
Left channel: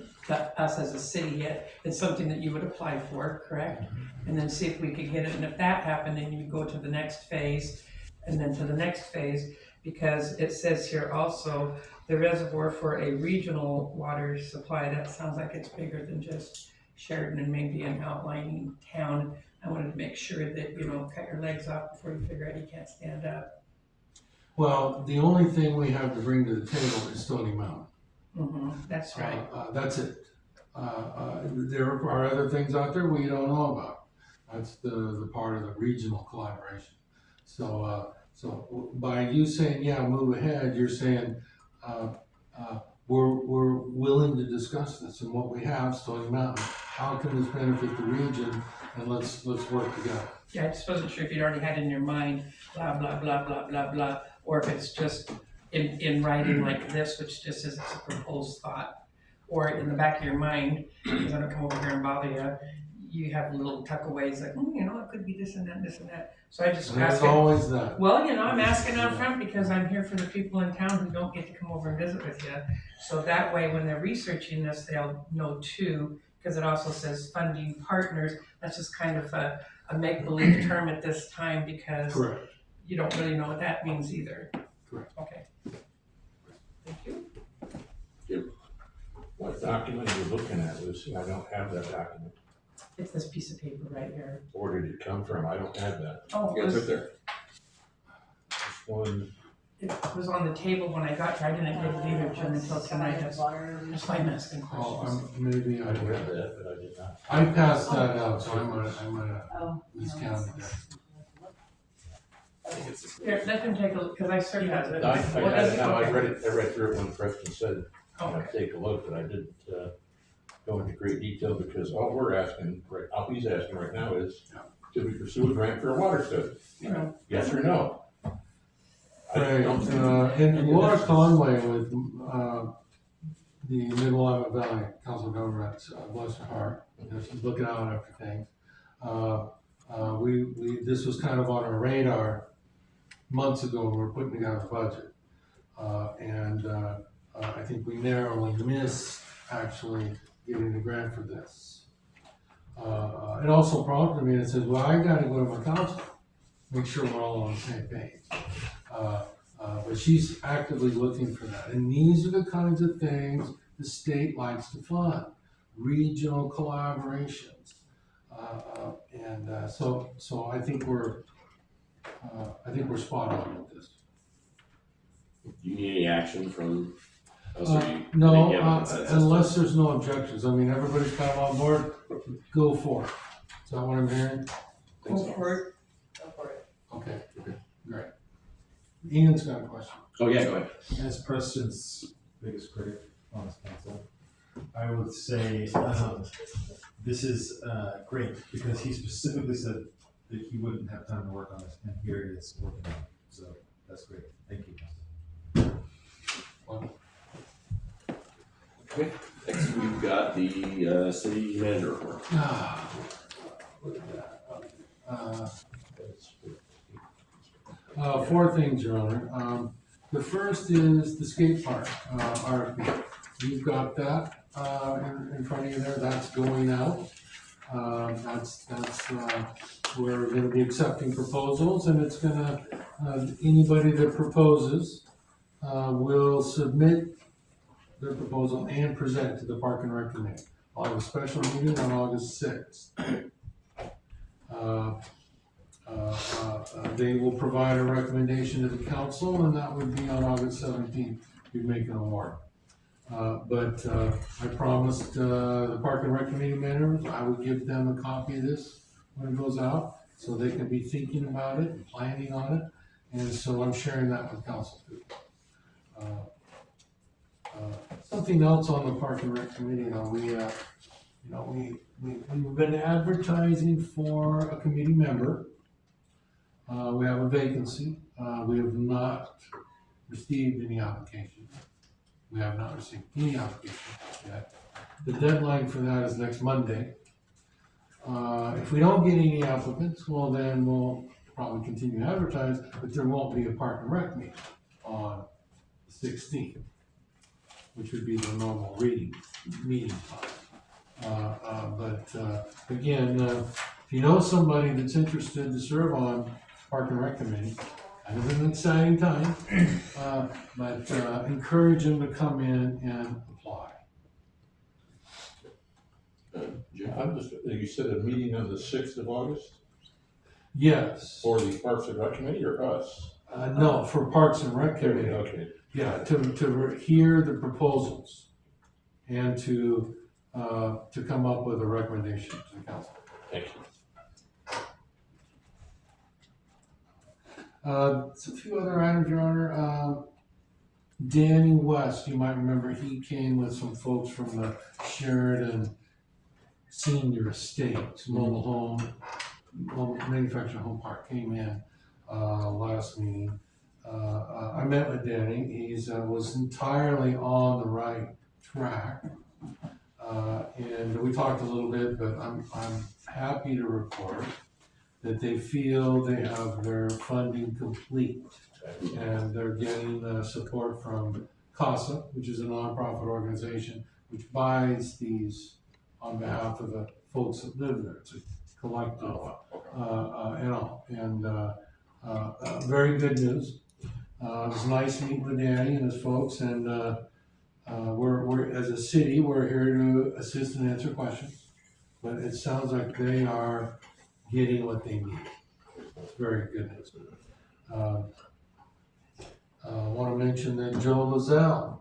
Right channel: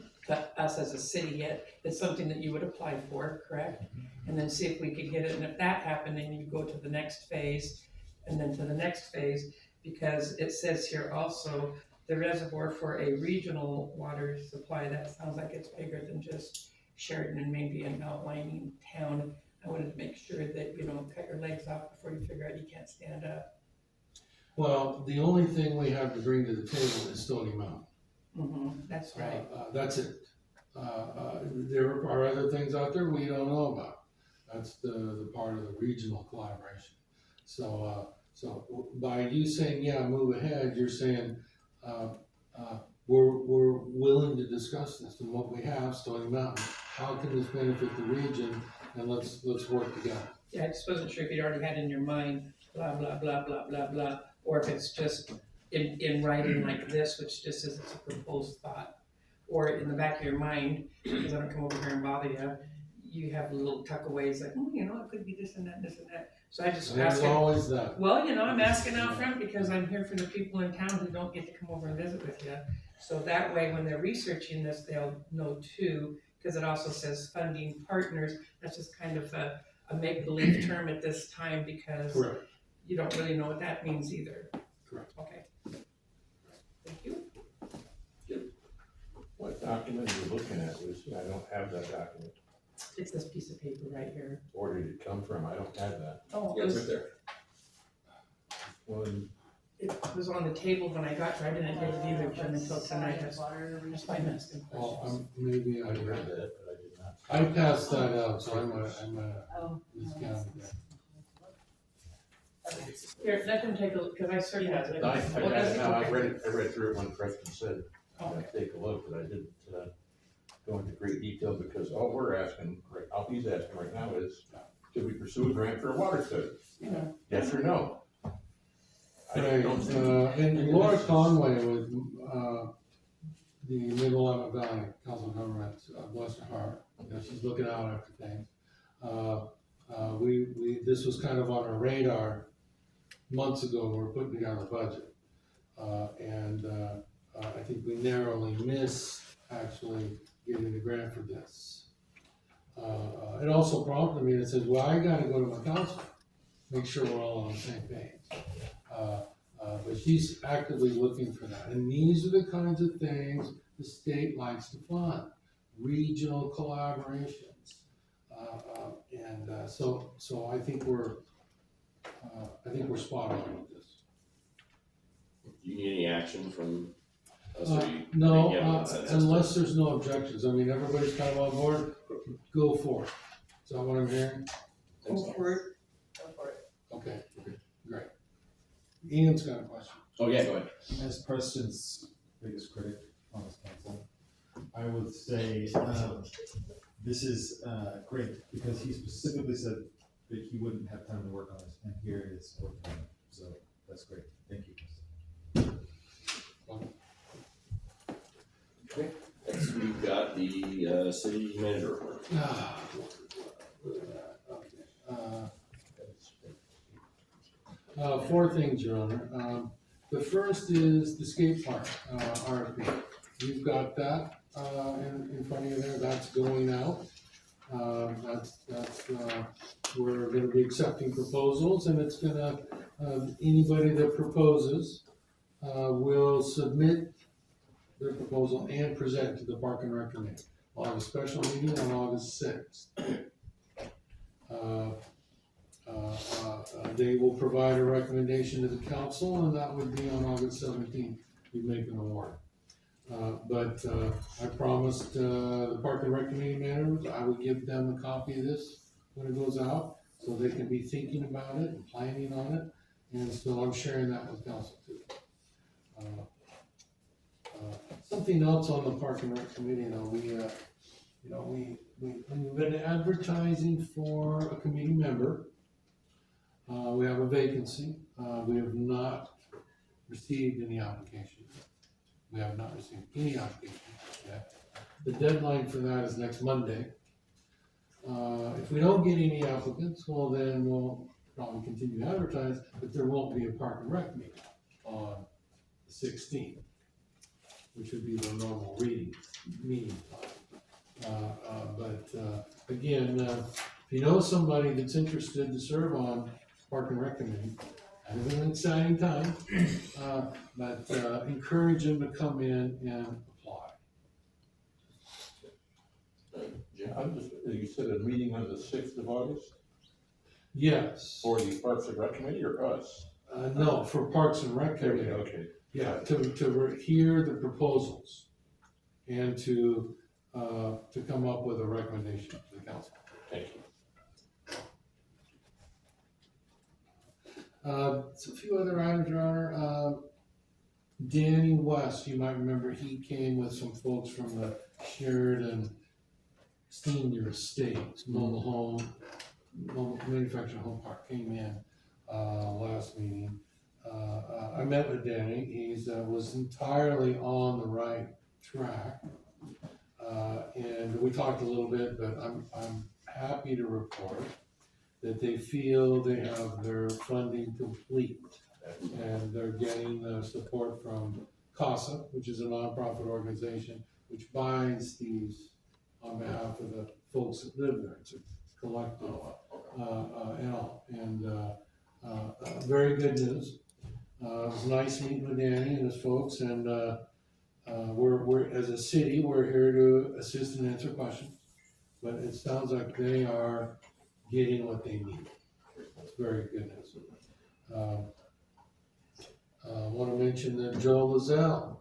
us as a city yet. It's something that you would apply for, correct? And then see if we could get it, and if that happened, then you go to the next phase, and then to the next phase. because it says here also, the reservoir for a regional water supply, that sounds like it's bigger than just Sheridan and maybe an outlying town. I wanted to make sure that, cut your legs off before you figure out you can't stand up. Well, the only thing we have to bring to the table is Stony Mountain. That's right. That's it. There are other things out there we don't know about. That's the part of the regional collaboration. So by you saying, yeah, move ahead, you're saying, we're willing to discuss this and what we have, Stony Mountain. How can this benefit the region? And let's work together. Yeah, I just wasn't sure if you'd already had in your mind, blah, blah, blah, blah, blah, blah, or if it's just in writing like this, which just says it's a proposed thought. Or in the back of your mind, because I don't come over here and bother you, you have little tuckaways like, it could be this and that, and this and that. So I just And there's asking. always that. Well, I'm asking out front because I'm here for the people in town who don't get to come over and visit with you. So that way, when they're researching this, they'll know too, because it also says funding partners. That's just kind of a make-believe term at this time because Correct. you don't really know what that means either. Correct. Okay. Thank you. What document are you looking at, Lucy? I don't have that document. It's this piece of paper right here. Where did it come from? I don't have that. Oh, Yeah, it's right there. This one, it was on the table when I got here. I didn't get it either, Jim, until tonight. That's why I'm asking questions. Maybe I read that, but I did not. I passed that out, so I might have miscounted that. Here, let him take a look, because I certainly have it. No, I What got does it now. I okay. read through it when Preston said, take a look, but I didn't, go into great detail because all we're asking, all he's asking right now is, should we pursue a grant for a water study? Yes or no? Right, and Laura Conway with, the Mid-Willamette Valley Council of Governments, bless her heart, she's looking out after things. This was kind of on our radar months ago when we were putting together the budget. I think we narrowly missed actually getting the grant for this. It also prompted me and says, well, I gotta go to my council, make sure we're all on the same page. But she's actively looking for that. And these are the kinds of things the state likes to fund, regional collaborations. So I think we're spot on with this. Do you need any action from us? No, unless there's no objections. I mean, everybody's kind of on board, go for it. Is that what I'm hearing? Go for it. Okay, great. Ian's got a question. Oh, yeah, go ahead. As Preston's biggest critic on this council, I would say, this is, great, because he specifically said that he wouldn't have time to work on this, and here it is working on it, so that's great, thank you. Okay, next we've got the city manager report. Look at that, okay. 4 things, Your Honor. The first is the skate park, RFP. You've got that, in front of you there, that's going out. We're gonna be accepting proposals, and it's gonna, anybody that proposes, will submit their proposal and present to the Park and Rec Committee. I'll have a special meeting on August 6th. They will provide a recommendation to the council, and that would be on August 17th, we'd make an award. But I promised the Park and Rec Committee members, I would give them a copy of this when it goes out, so they can be thinking about it and planning on it, and so I'm sharing that with council too. Something else on the Park and Rec Committee, we've been advertising for a committee member. We have a vacancy. We have not received any applications. We have not received any applications yet. The deadline for that is next Monday. If we don't get any applicants, well, then we'll probably continue to advertise, but there won't be a Park and Rec meeting on the 16th, which would be the normal meeting time. Again, if you know somebody that's interested to serve on Park and Rec Committee, It is an exciting time, but encourage them to come in and apply. Jim? I'm just, you said a meeting on the 6th of August Yes. for the Parks and Rec Committee or us? No, for Parks and Rec Committee. Okay. Yeah, to hear the proposals and to come up with a recommendation to the council. Thank you. So a few other items, Your Honor. Danny West, you might remember, he came with some folks from the Sheridan Senior Estates, mobile manufactured home park, came in, last meeting. I met with Danny, he's, was entirely on the right track. And we talked a little bit, but I'm happy to report that they feel they have their funding complete. And they're getting support from CASA, which is a nonprofit organization, which buys these on behalf of the folks that live there. It's a collective, and very good news. It was nice meeting with Danny and his folks, and we're as a city, we're here to assist and answer questions. But it sounds like they are getting what they need. It's very good news. I want to mention that Joe Lazelle,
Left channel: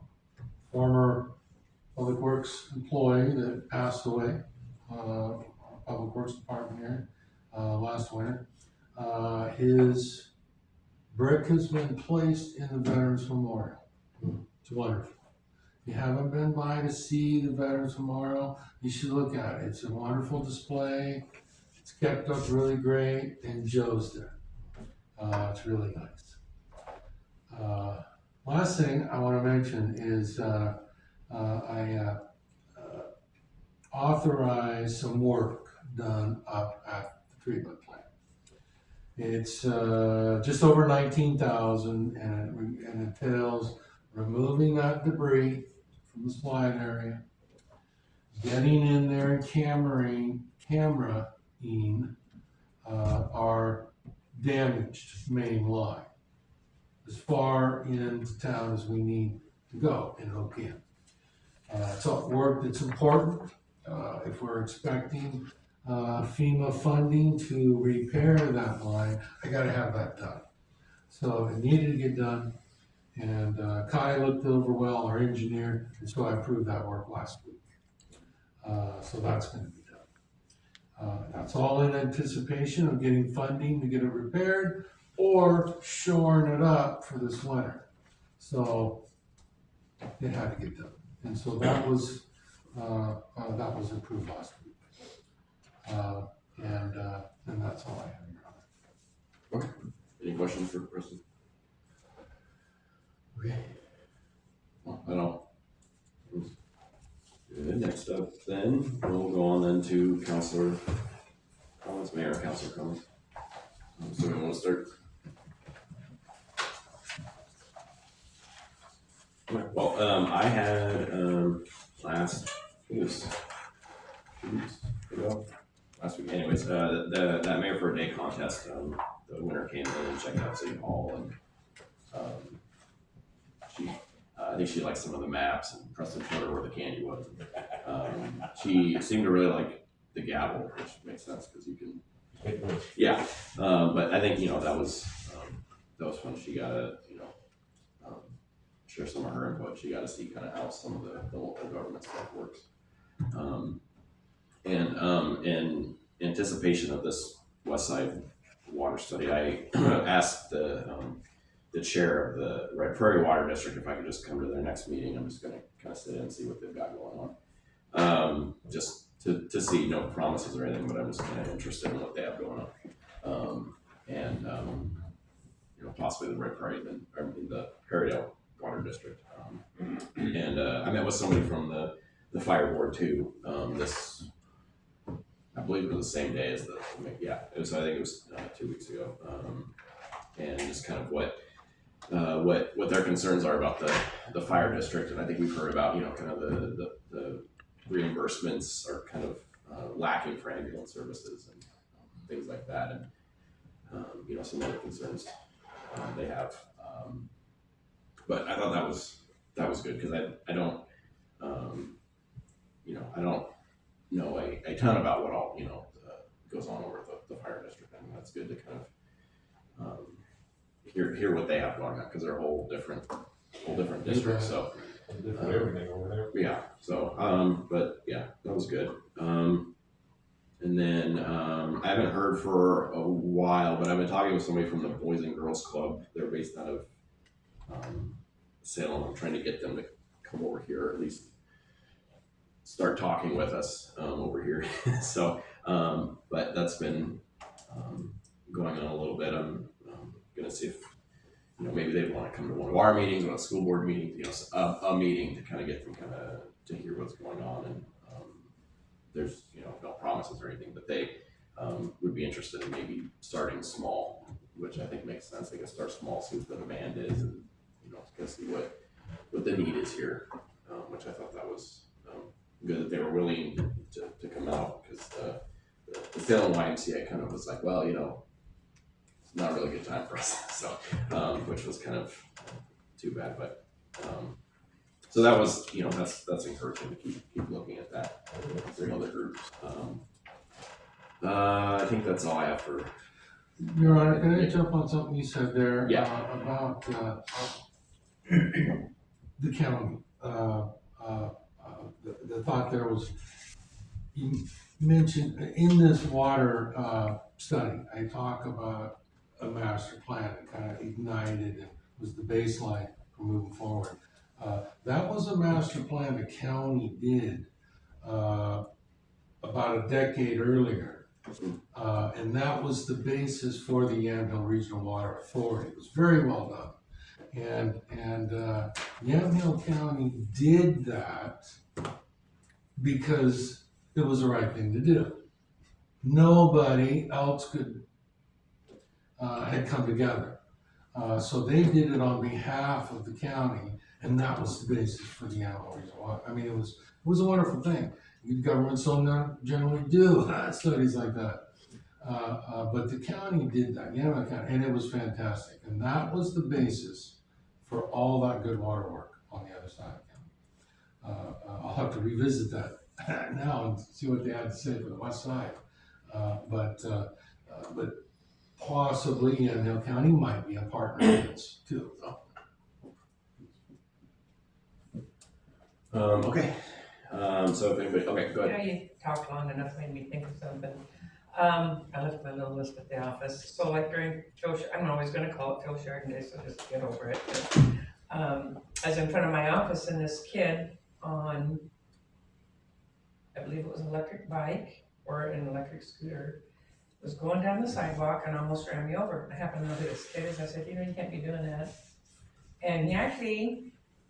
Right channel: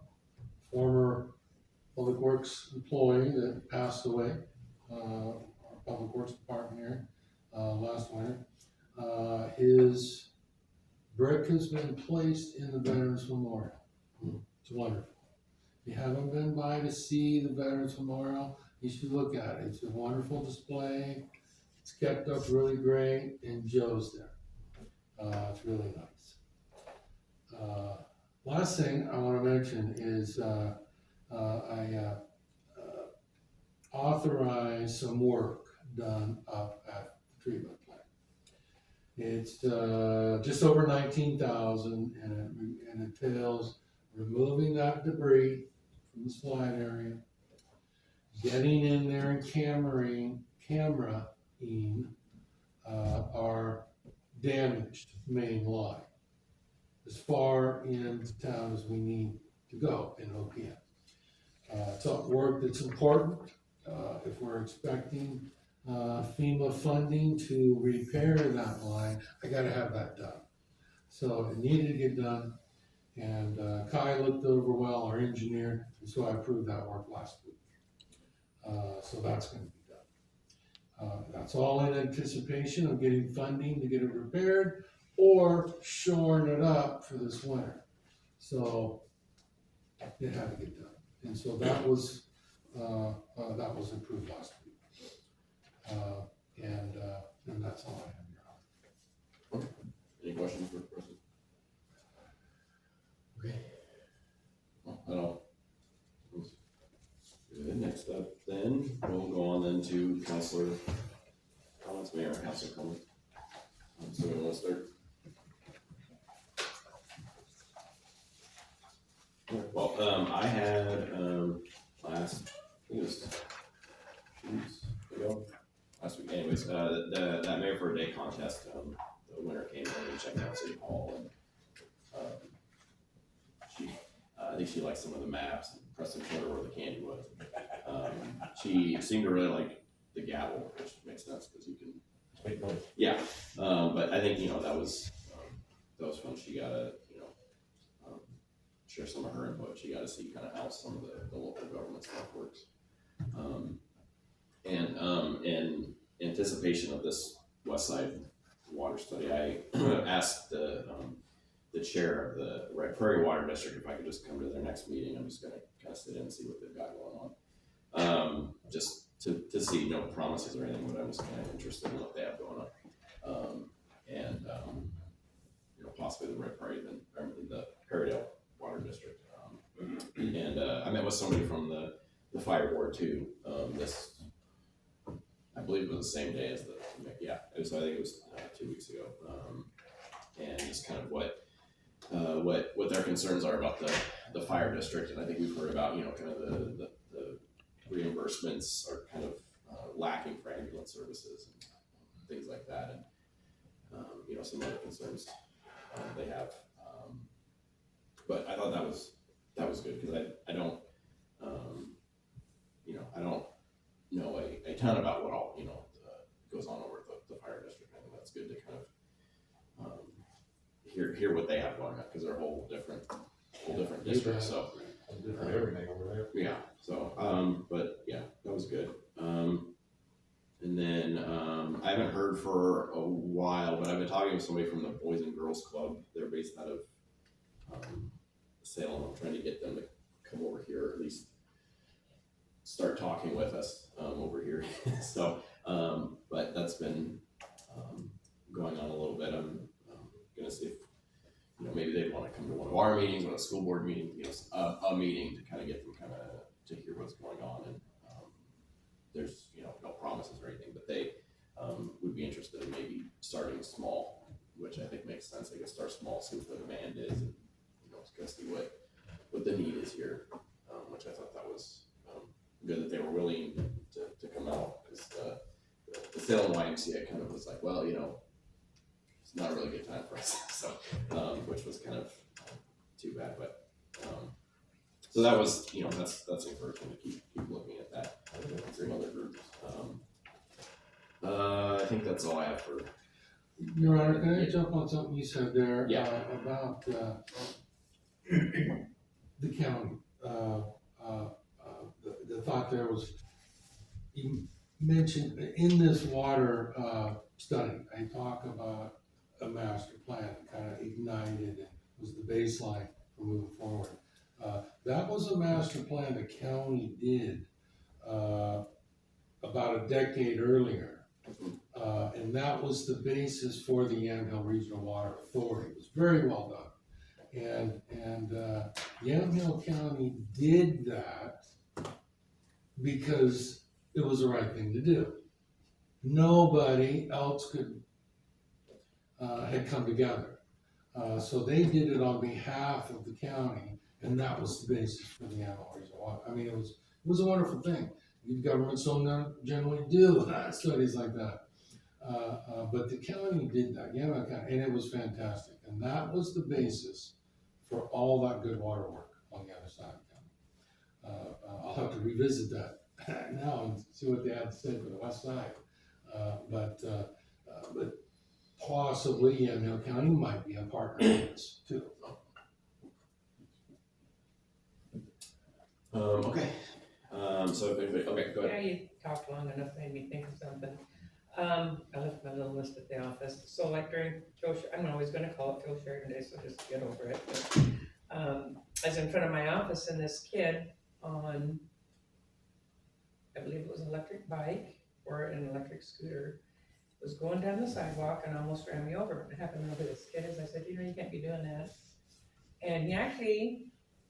former Public Works employee that passed away, Public Works Department here, last winter. His brick has been placed in the Veterans Memorial. It's wonderful. If you haven't been by to see the Veterans Memorial, you should look at it. It's a wonderful display. It's kept up really great, and Joe's there. It's really nice. Last thing I want to mention is I authorized some work done up at the treatment plant. It's just over 19,000, and it entails removing that debris from the slide area, getting in there and cameraing our damaged main line as far into town as we need to go in OPM. It's work that's important. If we're expecting FEMA funding to repair that line, I gotta have that done. So it needed to get done, and Kai looked over well, our engineer, and so I approved that work last week. So that's gonna be done. That's all in anticipation of getting funding to get it repaired or shoring it up for this winter. So it had to get done. And so that was approved last week. And that's all I have, Your Honor. Okay. Any questions for Preston? Okay. Well, I don't. Good. Next up, then we'll go on then to Councilor comments, Mayor, Councilor comments. So we want to start. Well, I had last, I think it was 2 weeks ago, last week. Anyways, that Mayor for a Day contest. The winner came in and checked out City Hall, and she, I think she liked some of the maps, and Preston showed her where the candy was. She seemed to really like the gavel, which makes sense because you can. Yeah, but I think that was fun. She got to share some of her input. She got to see kind of how some of the local government stuff works. And in anticipation of this Westside water study, I asked the chair of the Red Prairie Water District if I could just come to their next meeting. I'm just going to kind of sit in and see what they've got going on. Just to see, no promises or anything, but I'm just kind of interested in what they have going on. Possibly the Red Prairie, the Perrydale Water District. And I met with somebody from the fire board too. This, I believe it was the same day as I think it was 2 weeks ago. And just kind of what their concerns are about the fire district. And I think we've heard about, kind of the reimbursements are kind of lacking for ambulance services and things like that. And, some other concerns they have. But I thought that was good, because I don't, you know, I don't know a ton about what all, you know, goes on over the fire district. I think that's good to kind of hear what they have going on, because they're a whole different district. So Different everything over there. yeah. So but yeah, that was good. And then I haven't heard for a while, but I've been talking with somebody from the Boys and Girls Club. They're based out of Salem. I'm trying to get them to come over here, or at least start talking with us over here. So, but that's been going on a little bit. I'm gonna see if, you know, maybe they want to come to one of our meetings, one of the school board meetings, you know, a meeting to kind of get them to hear what's going on. And there's, you know, no promises or anything, but they would be interested in maybe starting small, which I think makes sense. They can start small, see what the demand is, and, you know, kind of see what the need is here, which I thought that was good that they were willing to come out, because the Salem YMCA kind of was like, well, you know, it's not a really good time for us. So, which was kind of too bad, but so that was, you know, that's encouraging to keep looking at that. Some other groups. I think that's all I have for. Your Honor, can I jump on something you said there? Yeah. About the county. The thought there was, you mentioned in this water study, I talk about a master plan that kind of ignited and was the baseline for moving forward. That was a master plan the county did about a decade earlier. And that was the basis for the Yamhill Regional Water Authority. It was very well done. And Yamhill County did that because it was the right thing to do. Nobody else had come together. So they did it on behalf of the county, and that was the basis for the Yamhill Regional Water. I mean, it was a wonderful thing. Governments don't generally do studies like that. But the county did that, Yamhill County, and it was fantastic. And that was the basis for all that good water work on the other side of county. I'll have to revisit that now and see what they had to say for the west side. But possibly Yamhill County might be a partner in this too. Okay. So if anybody, okay, go ahead. Yeah, you talked long enough, made me think of something. I left my little list at the office, so like during I'm always gonna call it Joe Sheridan Day, so just get over it. But, I was in front of my office and this kid on, I believe it was an electric bike or an electric scooter, was going down the sidewalk and almost ran me over. I happened to know who this kid is. I said, you know, you can't be doing that. And he actually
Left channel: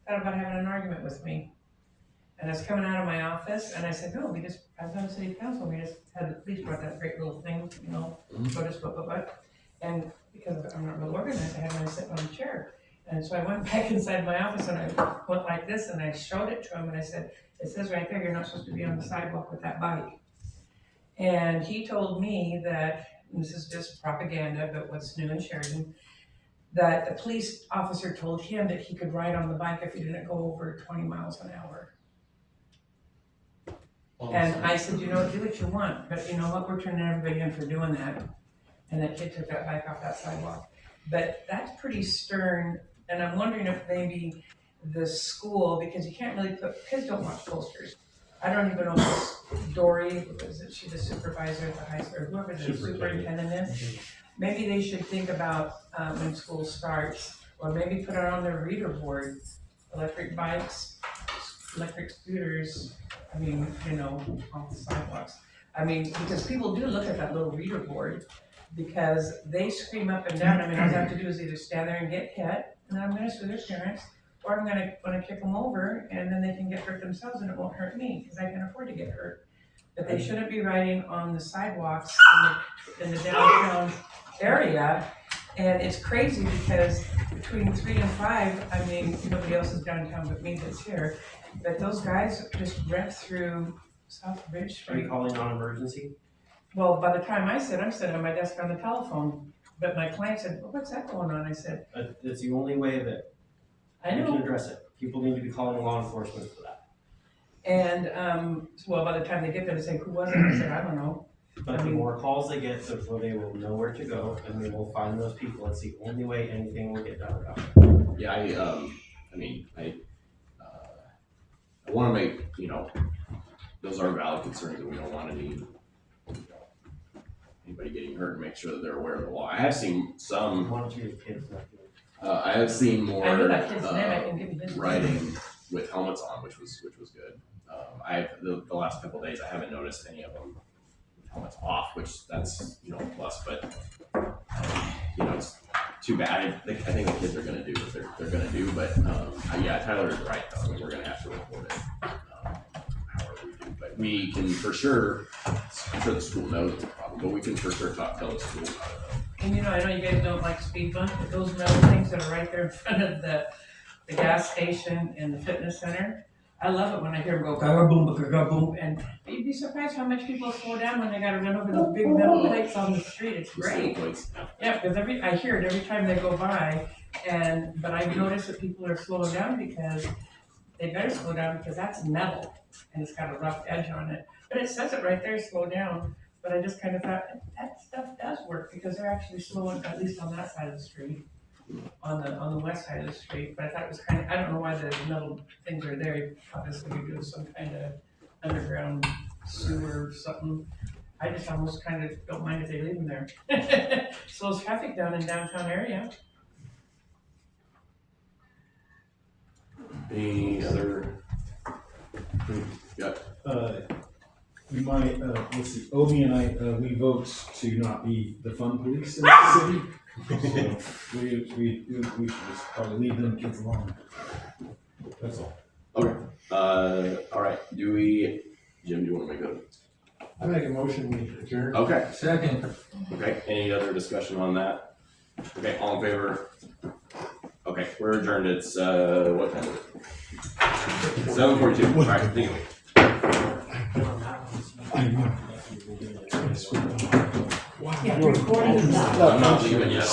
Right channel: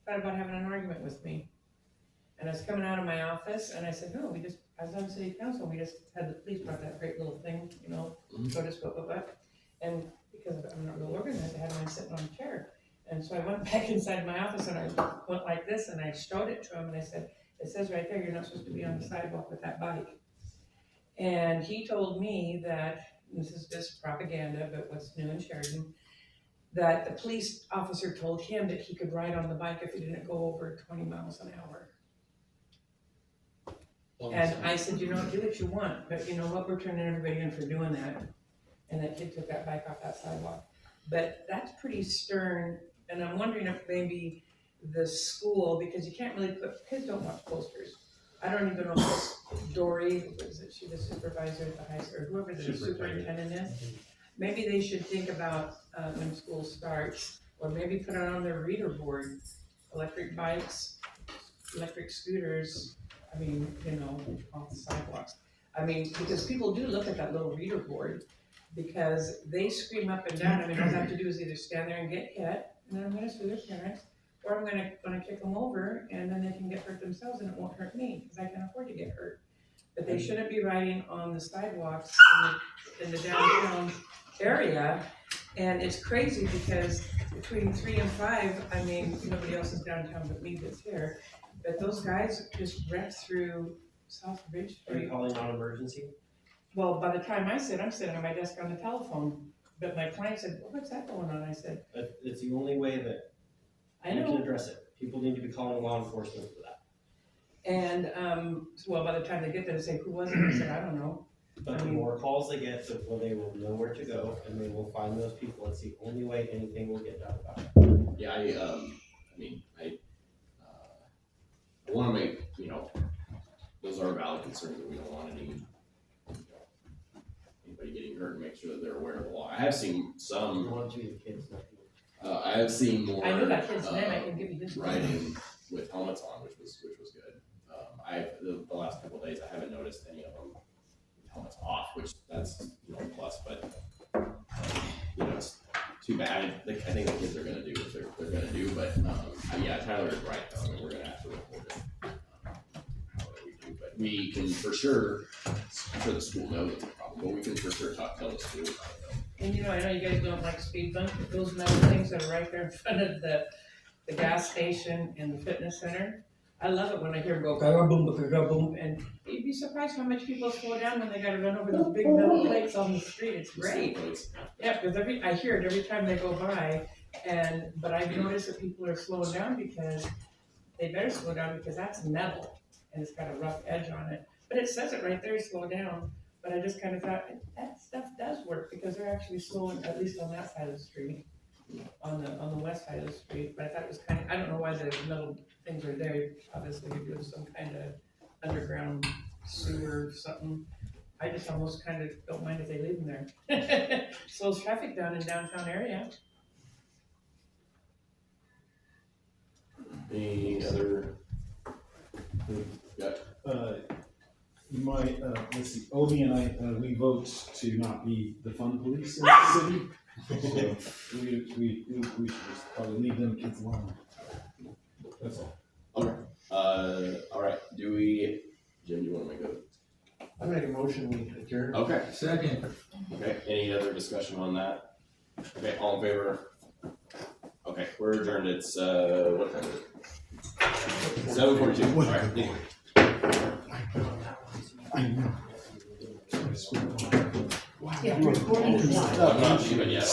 thought about having an argument with me. And I was coming out of my office, and I said, no, I was on city council, we just had the police brought that great little thing, you know, what. And because I'm not real organized, I had mine sitting on a chair. And so I went back inside my office, and I went like this, and I showed it to him, and I said, it says right there, you're not supposed to be on the sidewalk with that bike. And he told me that, and this is just propaganda, but what's new in Sheridan, that the police officer told him that he could ride on the bike if he didn't go over 20 miles an hour. And I said, you know what, do what you want, but you know what, we're turning everybody in for doing that. And that kid took that bike off that sidewalk. But that's pretty stern, and I'm wondering if maybe the school, because you can't really kids don't watch posters. I don't even know if it's Dory, is it she the supervisor at the high school, or whoever the superintendent is. Maybe they should think about when school starts, or maybe put it on their reader board, electric bikes, electric scooters, I mean, you know, off the sidewalks. I mean, because people do look at that little reader board because they scream up and down. I mean, all I have to do is either stand there and get hit, and then I'm gonna sue their parents, or I'm gonna kick them over, and then they can get hurt themselves, and it won't hurt me because I can't afford to get hurt. But they shouldn't be riding on the sidewalks in the downtown area. And it's crazy because between 3 and 5, I mean, nobody else is downtown but me that's here. But those guys just wrecked through South Bridge Are you Street. calling on emergency? Well, by the time I'm sitting at my desk on the telephone. but my client said, well, what's that going on? I said, It's the only way that I you can know. address it. People need to be calling law enforcement for that. And, well, by the time they get there, they say, who was it? I said, I don't know. But the more calls they get, the more they will know where to go, and they will find those people. It's the only way anything will get done about it. Yeah, I wanna make, those are valid concerns, and we don't want anybody getting hurt, and make sure that they're aware of the law. I have seen some, One or two kids not doing I have seen more, I knew that kid's name, I can give you his name. riding with helmets on, which was good. The last couple of days, I haven't noticed any of them with helmets off, which that's, a plus, but, it's too bad. I think the kids are gonna do what they're gonna do, but, yeah, Tyler is right, though. I mean, we're gonna have to report it, however we do, but we can for sure, I'm sure the school knows it's a problem, but we can for sure tell the school about it. And I know you guys don't like speed bumps, but those metal things that are right there in front of the gas station and the fitness center, I love it when I hear them go ga boom, and you'd be surprised how much people slow down when they gotta run over those big metal plates on the street. It's great. Yeah, because I hear it every time they go by, but I've noticed that people are slowing down because they better slow down because that's metal and it's got a rough edge on it. But it says it right there, slow down. But I just kind of thought that stuff does work because they're actually slowing, at least on that side of the street, on the west side of the street. But I thought it was I don't know why the metal things are there. Obviously, you're doing some kind of underground sewer or something. I just almost kind of don't mind if they leave them there. Slows traffic down in downtown area. Any other? Yeah. You might, let's see, Obi and I, we vote to not be the fun police in the city. So we should just probably leave them kids alone. That's all. Okay, all right, Jim, do you wanna make a? I make a motion, we adjourn. Okay, Second. okay, any other discussion on that? Okay, all in favor? Okay, we're adjourned, it's, what time is it? 7:42, all right, thank you. Yeah, recording. I'm not leaving yet.